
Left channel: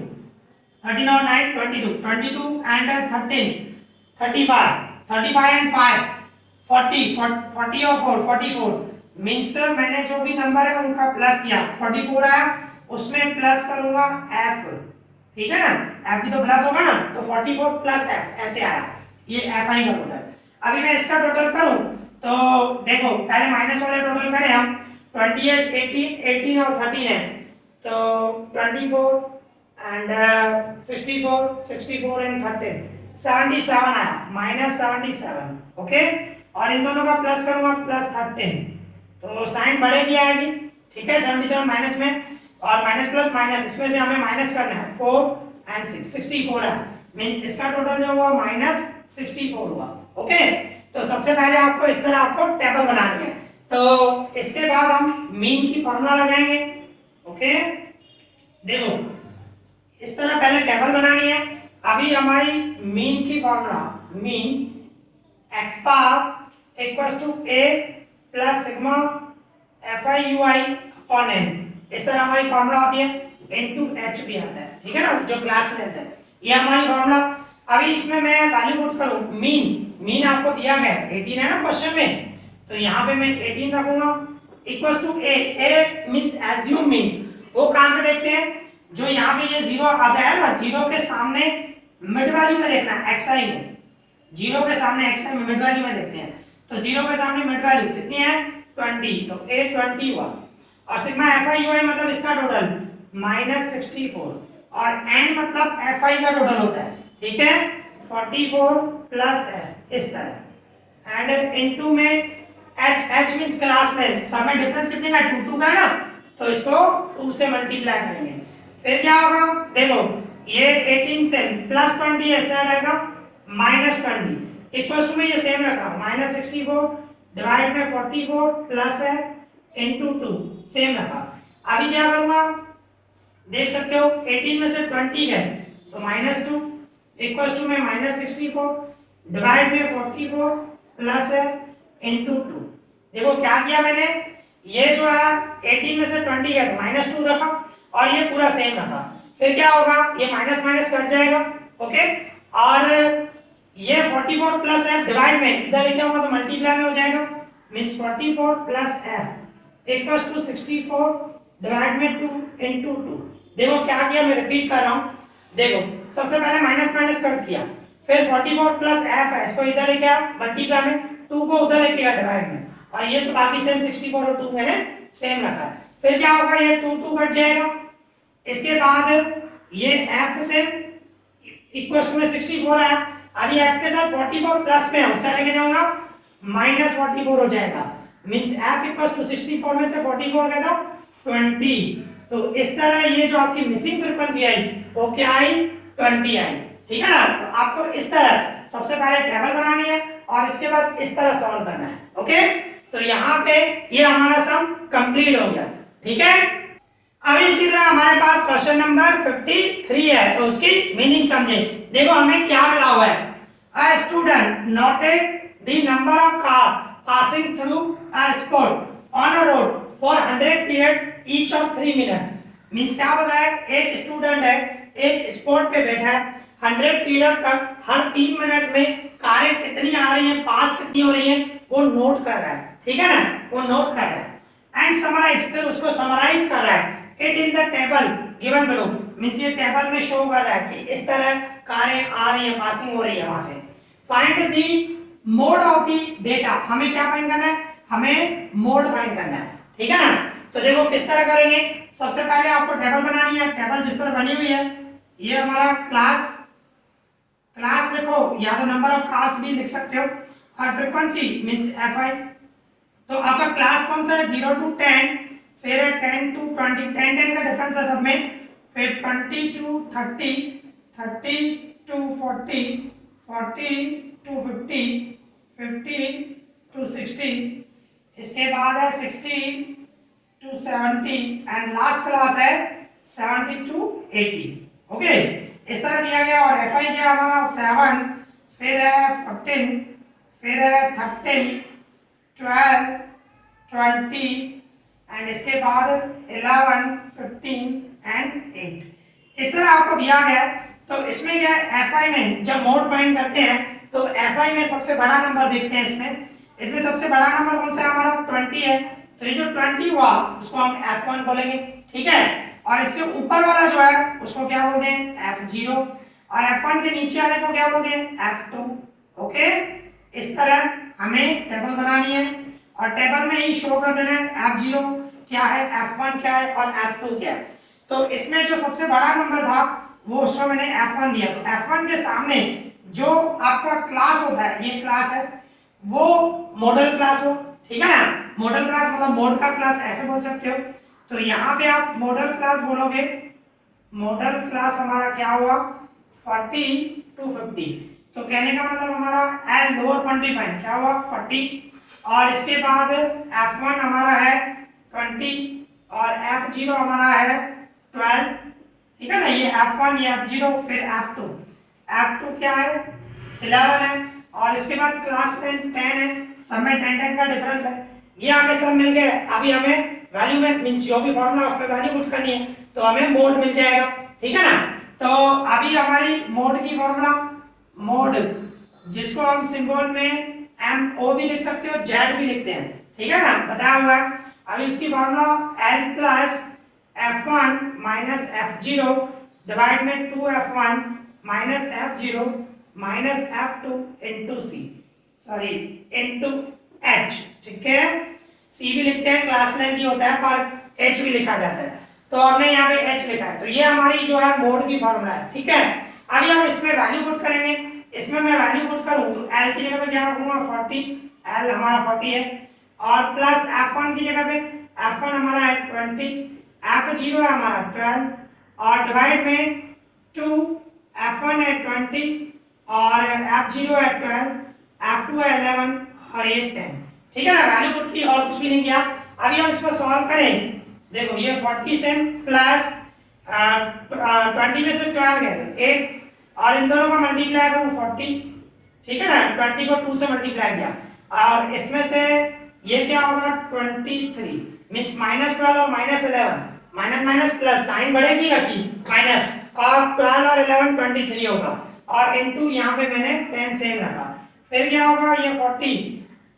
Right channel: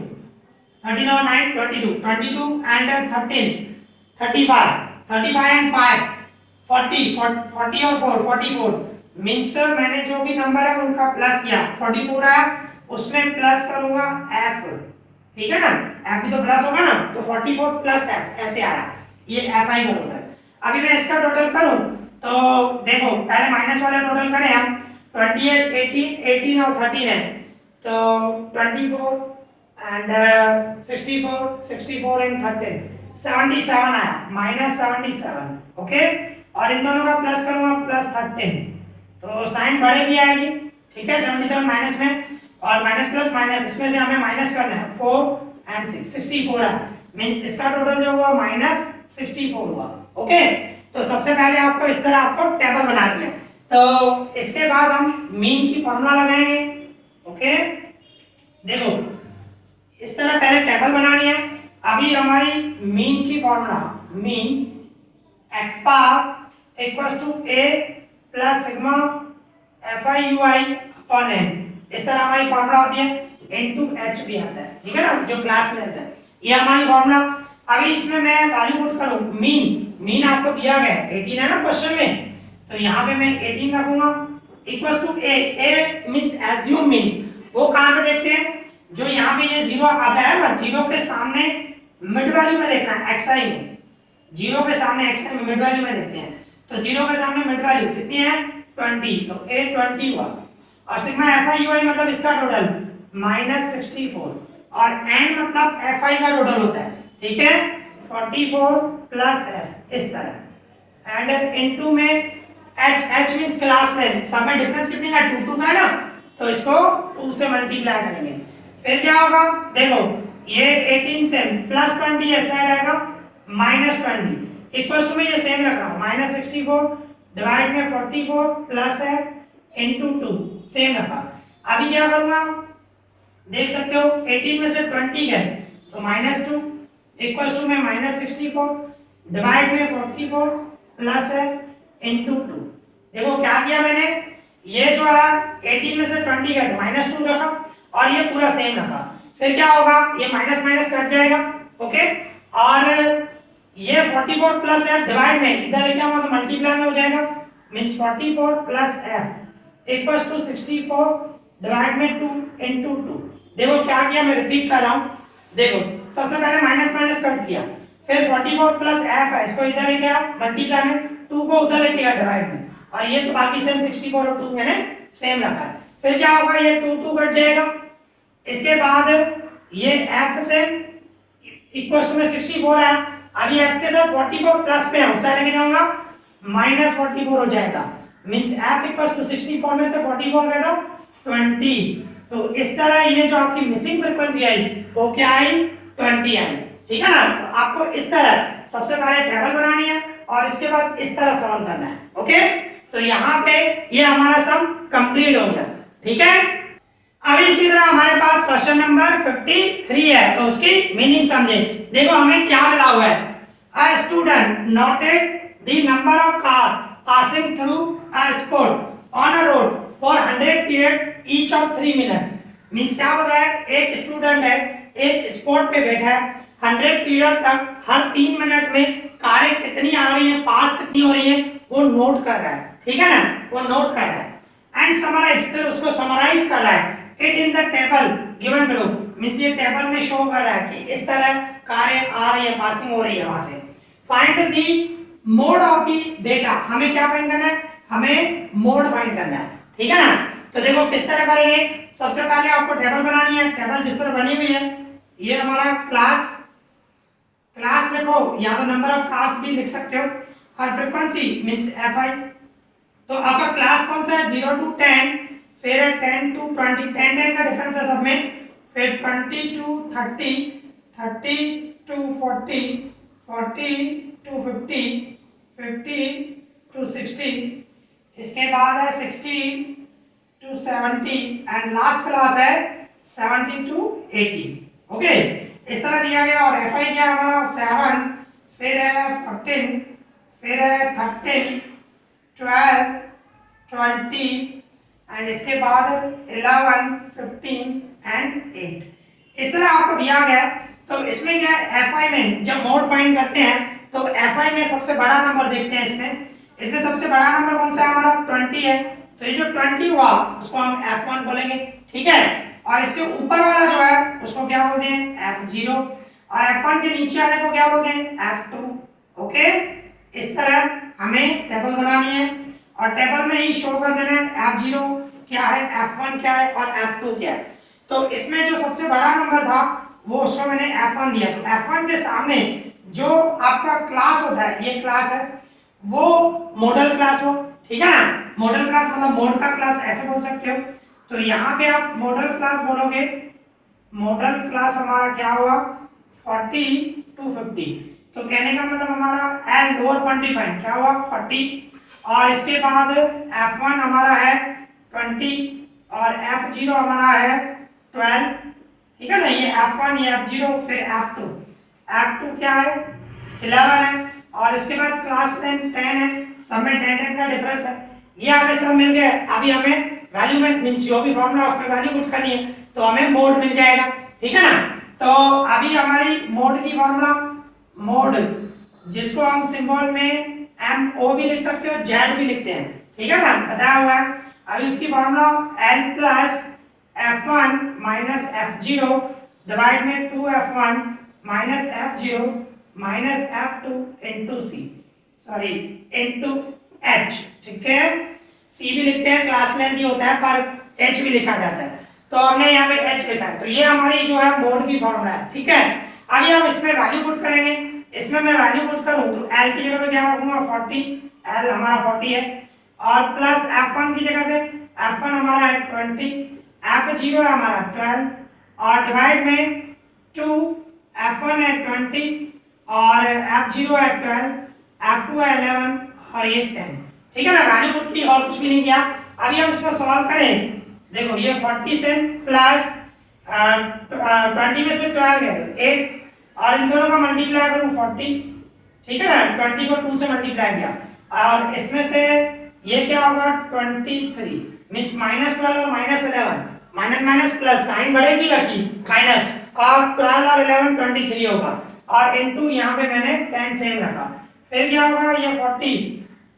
13 और 9 22, 22 and 13 35, 35 एंड 5 40 40 और 4 44 मींस मैंने जो भी नंबर है उनका प्लस किया 44 है उसमें प्लस करूंगा f, ठीक है ना, f भी तो प्लस होगा ना, तो 44 प्लस f ऐसे आया, ये fi का टोटल। अभी मैं इसका टोटल करूं तो देखो पहले माइनस वाले टोटल करें हम 28 18 और 13 है तो 24 एंड 64 एंड 13 77 आया -77 ओके। और इन दोनों का प्लस करूंगा +13 तो साइन बढ़ेगी आएगी, ठीक है। 77 माइनस में और माइनस प्लस माइनस इसमें से हमें माइनस करना है 4 एंड 6 64 है मींस इसका टोटल जो हुआ -64 हुआ ओके। तो सबसे पहले आपको इस तरह आपको टेबल बनानी है, तो इसके बाद हम मीन की फॉर्मूला लगाएंगे ओके। देखो इस तरह पहले टेबल बनानी है। अभी हमारी मीन की formula mean x bar equals to a plus sigma fi ui upon n, इस तरह हमारी फॉर्मूला होती है, इनटू h भी आता है, ठीक है ना, जो क्लास में आता है, ये हमारी फॉर्मूला। अभी इसमें मैं वैल्यू पुट करूं मीन आपको दिया गया है 18 है ना क्वेश्चन में, तो यहाँ पे मैं 18 रखूंगा equals to a means assume means वो कहां पे देखते हैं, जो यहाँ पे ये जीरो आ गया है ना, जीरो के सामने मिड वैल्यू में देखना है xi में, जीरो के सामने xi में मिड वैल्यू में देखते हैं, तो जीरो के सामने मिड वैल्यू कितनी है 20, तो a 20 हुआ और सिग्मा fi ui मतलब इसका टोटल -64 और n मतलब fi का टोटल होता है, ठीक है 44 प्लस f इस तरह एंड इनटू में h मींस क्लास लेंथ, सब में डिफरेंस कितनी है 2 का है ना, तो इसको 2 से मल्टीप्लाई करेंगे, फिर क्या होगा देखो ये 18 से +20 इस साइड आएगा -20 इक्वल्स टू में ये सेम रखा -64 डिवाइड में 44 प्लस है इनटू 2 सेम रखा। अभी क्या करूंगा देख सकते हो 18 में से 20 गए तो -2 इक्वल्स टू में -64 डिवाइड में 44 प्लस है इनटू 2। देखो क्या किया मैंने, ये जो है 18 में से 20 गए तो -2 रखा और ये पूरा सेम रखा, फिर क्या होगा ये माइनस माइनस कट जाएगा ओके। और ये 44 प्लस f डिवाइड में इधर लिखा हुआ तो मल्टीप्लाई में हो जाएगा means 44 plus f equals to 64 divide में 2 इनटू 2। देखो क्या किया मैं रिपीट कर रहा हूं, देखो सबसे पहले माइनस माइनस कट किया, फिर 44 प्लस f है इसको इधर लेके आओ मल्टीप्लाई में, 2 को उधर लेके गया डिवाइड में, और ये तो बाकी सेम 64 और 2 मैंने सेम रखा है, फिर क्या होगा ये 2 कट जाएगा, इसके बाद ये f से इक्वल्स टू में 64 है, अभी f के साथ 44 प्लस में उस साइड लेके जाऊंगा -44 हो जाएगा मींस f इक्वल्स टू 64 में से 44 गया था 20। तो इस तरह ये जो आपकी मिसिंग फ्रीक्वेंसी आई वो क्या आई 20 आई, ठीक है ना। तो आपको इस तरह सबसे पहले टेबल बनानी है और इसके बाद इस तरह सॉल्व करना है ओके। तो यहाँ पे ये हमारा सम कंप्लीट हो गया, ठीक है। अभी इसी तरह हमारे पास क्वेश्चन नंबर 53 है, तो उसकी मीनिंग समझे। देखो हमें क्या मिला हुआ है, a student noted the number of car passing through a spot on a road for 100 period each of 3 minute. Means क्या बोल रहा है, एक स्टूडेंट है एक स्पॉट पे बैठा है 100 पीरियड तक हर 3 मिनट में कारें कितनी आ रही हैं पास कितनी हो रही है वो नोट कर रहा है, ठीक है ना, वो नोट कर रहा है एंड समराइज, फिर उसको समराइज कर रहा है it in the table given below, means ये टेबल में शो कर रहा है कि इस तरह कारें आ रही है पासिंग हो रही है वहां से। Find the mode of the data, हमें क्या फाइंड करना है, हमें मोड फाइंड करना है, ठीक है ना। तो देखो किस तरह करेंगे, सबसे पहले आपको टेबल बनानी है, टेबल जिस तरह बनी हुई है ये हमारा क्लास लिखो या तो नंबर ऑफ कार्स भी लिख सकते हो और फ्रीक्वेंसी मींस fi। तो आपका क्लास कौन सा है 0 to 10, फिर 10 to 20, 10 का डिफरेंस है सब में, फिर 20 to 30, 30 to 40, 40 to 50, 50 to 60, इसके बाद है 60 to 70 एंड लास्ट क्लास है 70 to 80 ओके। इस तरह दिया गया और fi क्या हमारा 7, फिर है 15, फिर है 13, 12, 20 एंड इसके बाद 11, 15 एंड 8। इस तरह आपको दिया गया है। तो इसमें क्या है fi में जब मोड फाइंड करते हैं तो fi में सबसे बड़ा नंबर देखते हैं इसमें सबसे बड़ा नंबर कौन सा है हमारा 20 है। तो ये जो 20 हुआ उसको हम f1 बोलेंगे, ठीक है। और इसके ऊपर वाला जो है उसको क्या बोलते हैं f0 और f1 के नीचे वाले को क्या बोलते हैं f2। ओके, इस तरह हमें टेबल बनानी है और टेबल में ही शो कर देना है f0 क्या है, f1 क्या है और f2 क्या है। तो इसमें जो सबसे बड़ा नंबर था वो उसको मैंने f1 दिया। तो f1 के सामने जो आपका क्लास होता है, ये क्लास है, वो मॉडल क्लास हो, ठीक है ना। मॉडल क्लास मतलब मोड का क्लास ऐसे बोल सकते हो। तो यहाँ पे आप मॉडल क्लास बोलोगे, मॉडल क्लास हमारा क्या हुआ 40 to 50। तो कहने का मतलब हमारा एल लोअर क्वांटिटी पॉइंट क्या हुआ 40 और इसके बाद f1 हमारा है 20 और f0 हमारा है 12, ठीक है ना। ये f1 ये f0 फिर f2 क्या है 11 है और इसके बाद क्लास 10 है, सब में 10 का डिफरेंस है। ये हमें सब मिल गए। अभी हमें वैल्यू में मींस जो भी फॉर्मूला उसमें वैल्यू पुट करनी है तो हमें मोड मिल जाएगा, ठीक है ना। तो अभी हमारी मोड की फॉर्मूला, मोड जिसको हम सिंबल में MO भी लिख सकते हो, Z भी लिखते हैं, ठीक है ना, बताया हुआ है। अभी उसकी formula L plus f1 minus f0 divide में 2f1 minus f0 minus f2 into C, sorry into h, ठीक है। c भी लिखते हैं, क्लास लेंथ ही होता है पर h भी लिखा जाता है, तो हमने यहाँ पे h लिखा है। तो ये हमारी जो है मोड की फॉर्मूला है, ठीक है। अभी हम इसमें वैल्यू पुट करेंगे। इसमें मैं वैल्यू पुट करूं तो l की जगह पे क्या रखूंगा 40, l हमारा 40 है और प्लस f1 की जगह पे f1 हमारा है 20, f0 है हमारा 12 और डिवाइड में 2, f1 है 20 और f0 है 12, f2 है 11 और ये 10, ठीक है ना। वैल्यू पुट की और कुछ भी नहीं किया। अभी हम इसको सॉल्व करें। देखो ये 40 से प्लस 20 में से 12 है 8 और इन दोनों का मल्टीप्लाई करूं 40, ठीक है ना। 20 को 2 से मल्टीप्लाई किया और इसमें से ये क्या होगा 23 मींस -12 और -11, माइनस माइनस प्लस साइन बढ़ेगी रखी माइनस और 12 और 11 23 होगा और इनटू यहाँ पे मैंने 10 सेम रखा। फिर क्या होगा ये 40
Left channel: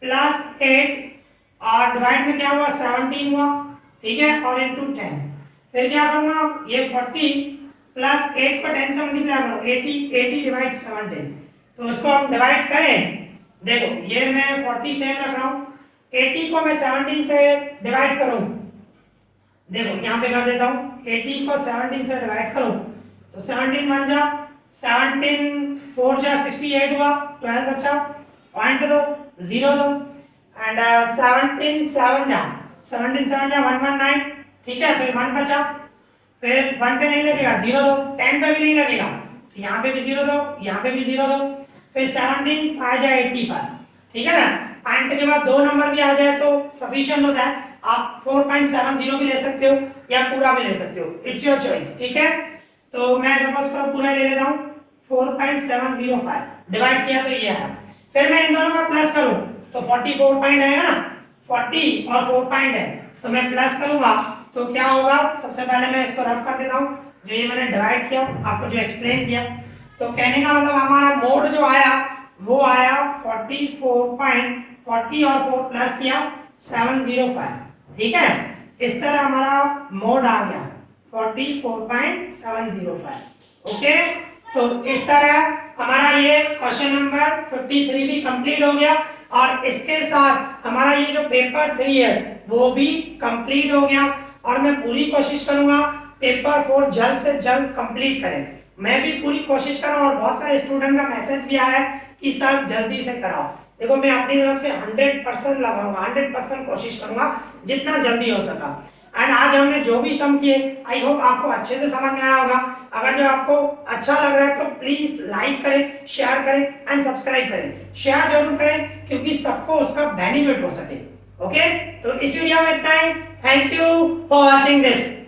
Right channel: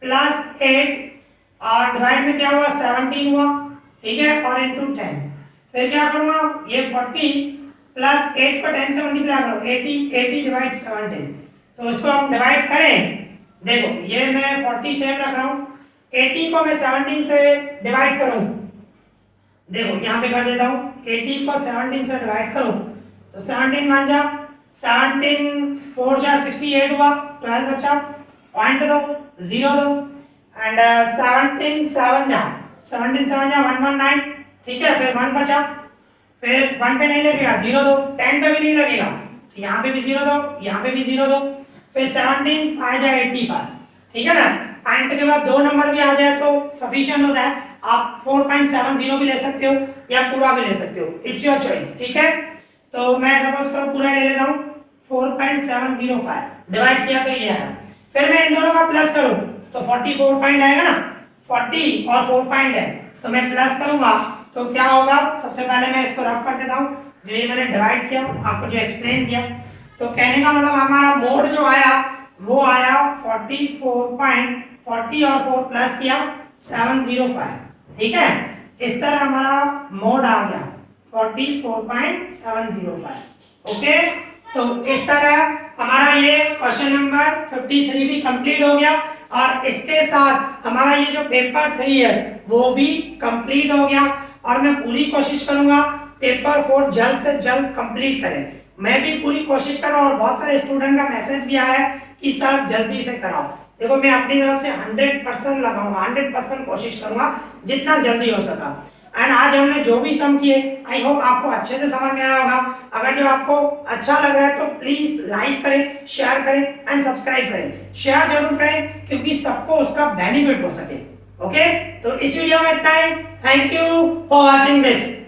प्लस 8 और डिवाइड में क्या हुआ 17 हुआ, ठीक है, और इनटू 10। फिर क्या करूंगा ये 40 प्लस 8 को 10 से मल्टीप्लाई करो 80 डिवाइड 17। तो इसको हम डिवाइड करें। देखो ये मैं 40 सेम रख रहा हूँ, 80 को मैं 17 से डिवाइड करूं, देखो यहाँ पे कर देता हूँ 80 को 17 से डिवाइड करूं तो 17 मान जा 17 4 जा 68 हुआ, 12 बचा, पॉइंट दो 0 दो एंड 17 7 जा 119, ठीक है। फिर 1 बचा, फिर 1 पे नहीं लगेगा 0 दो, 10 पे भी नहीं लगेगा तो यहाँ पे भी 0 दो, यहाँ पे भी 0 दो, फिर 17 5 जा 85, ठीक है ना। पॉइंट के बाद दो नंबर भी आ जाए तो सफिशिएंट होता है। आप 4.70 भी ले सकते हो या पूरा भी ले सकते हो, इट्स योर चॉइस, ठीक है। तो मैं सपोज करो पूरा ले लेता हूँ 4.705 डिवाइड किया तो ये है। फिर मैं इन दोनों का प्लस करूँ तो 44 पॉइंट आएगा ना, 40 और 4 पॉइंट है तो मैं प्लस करूंगा तो क्या होगा। सबसे पहले मैं इसको रफ कर देता हूँ, जो ये मैंने डिवाइड किया आपको जो एक्सप्लेन किया। तो कहने का मतलब हमारा मोड जो आया वो आया 44.40 और 4 प्लस किया 705, ठीक है। इस तरह हमारा मोड आ गया 44.705, ओके। तो इस तरह हमारा ये क्वेश्चन नंबर 53 भी कंप्लीट हो गया और इसके साथ हमारा ये जो पेपर 3 है वो भी कंप्लीट हो गया और मैं पूरी कोशिश करूंगा पेपर 4 जल्द से जल्द कंप्लीट करें। मैं भी पूरी कोशिश कर रहा हूँ और बहुत सारे स्टूडेंट का मैसेज भी आया है कि सर जल्दी से कराओ। देखो मैं अपनी तरफ से 100% लगाऊंगा, 100% कोशिश करूंगा जितना जल्दी हो सका। एंड आज हमने जो भी सम किए आई होप आपको अच्छे से समझ में आया होगा। अगर जो आपको अच्छा लग रहा है तो प्लीज लाइक करें, शेयर करें एंड सब्सक्राइब करें। शेयर जरूर करें क्योंकि सबको उसका बेनिफिट हो सके, ओके। तो इस वीडियो में इतना ही। Thank you for watching this.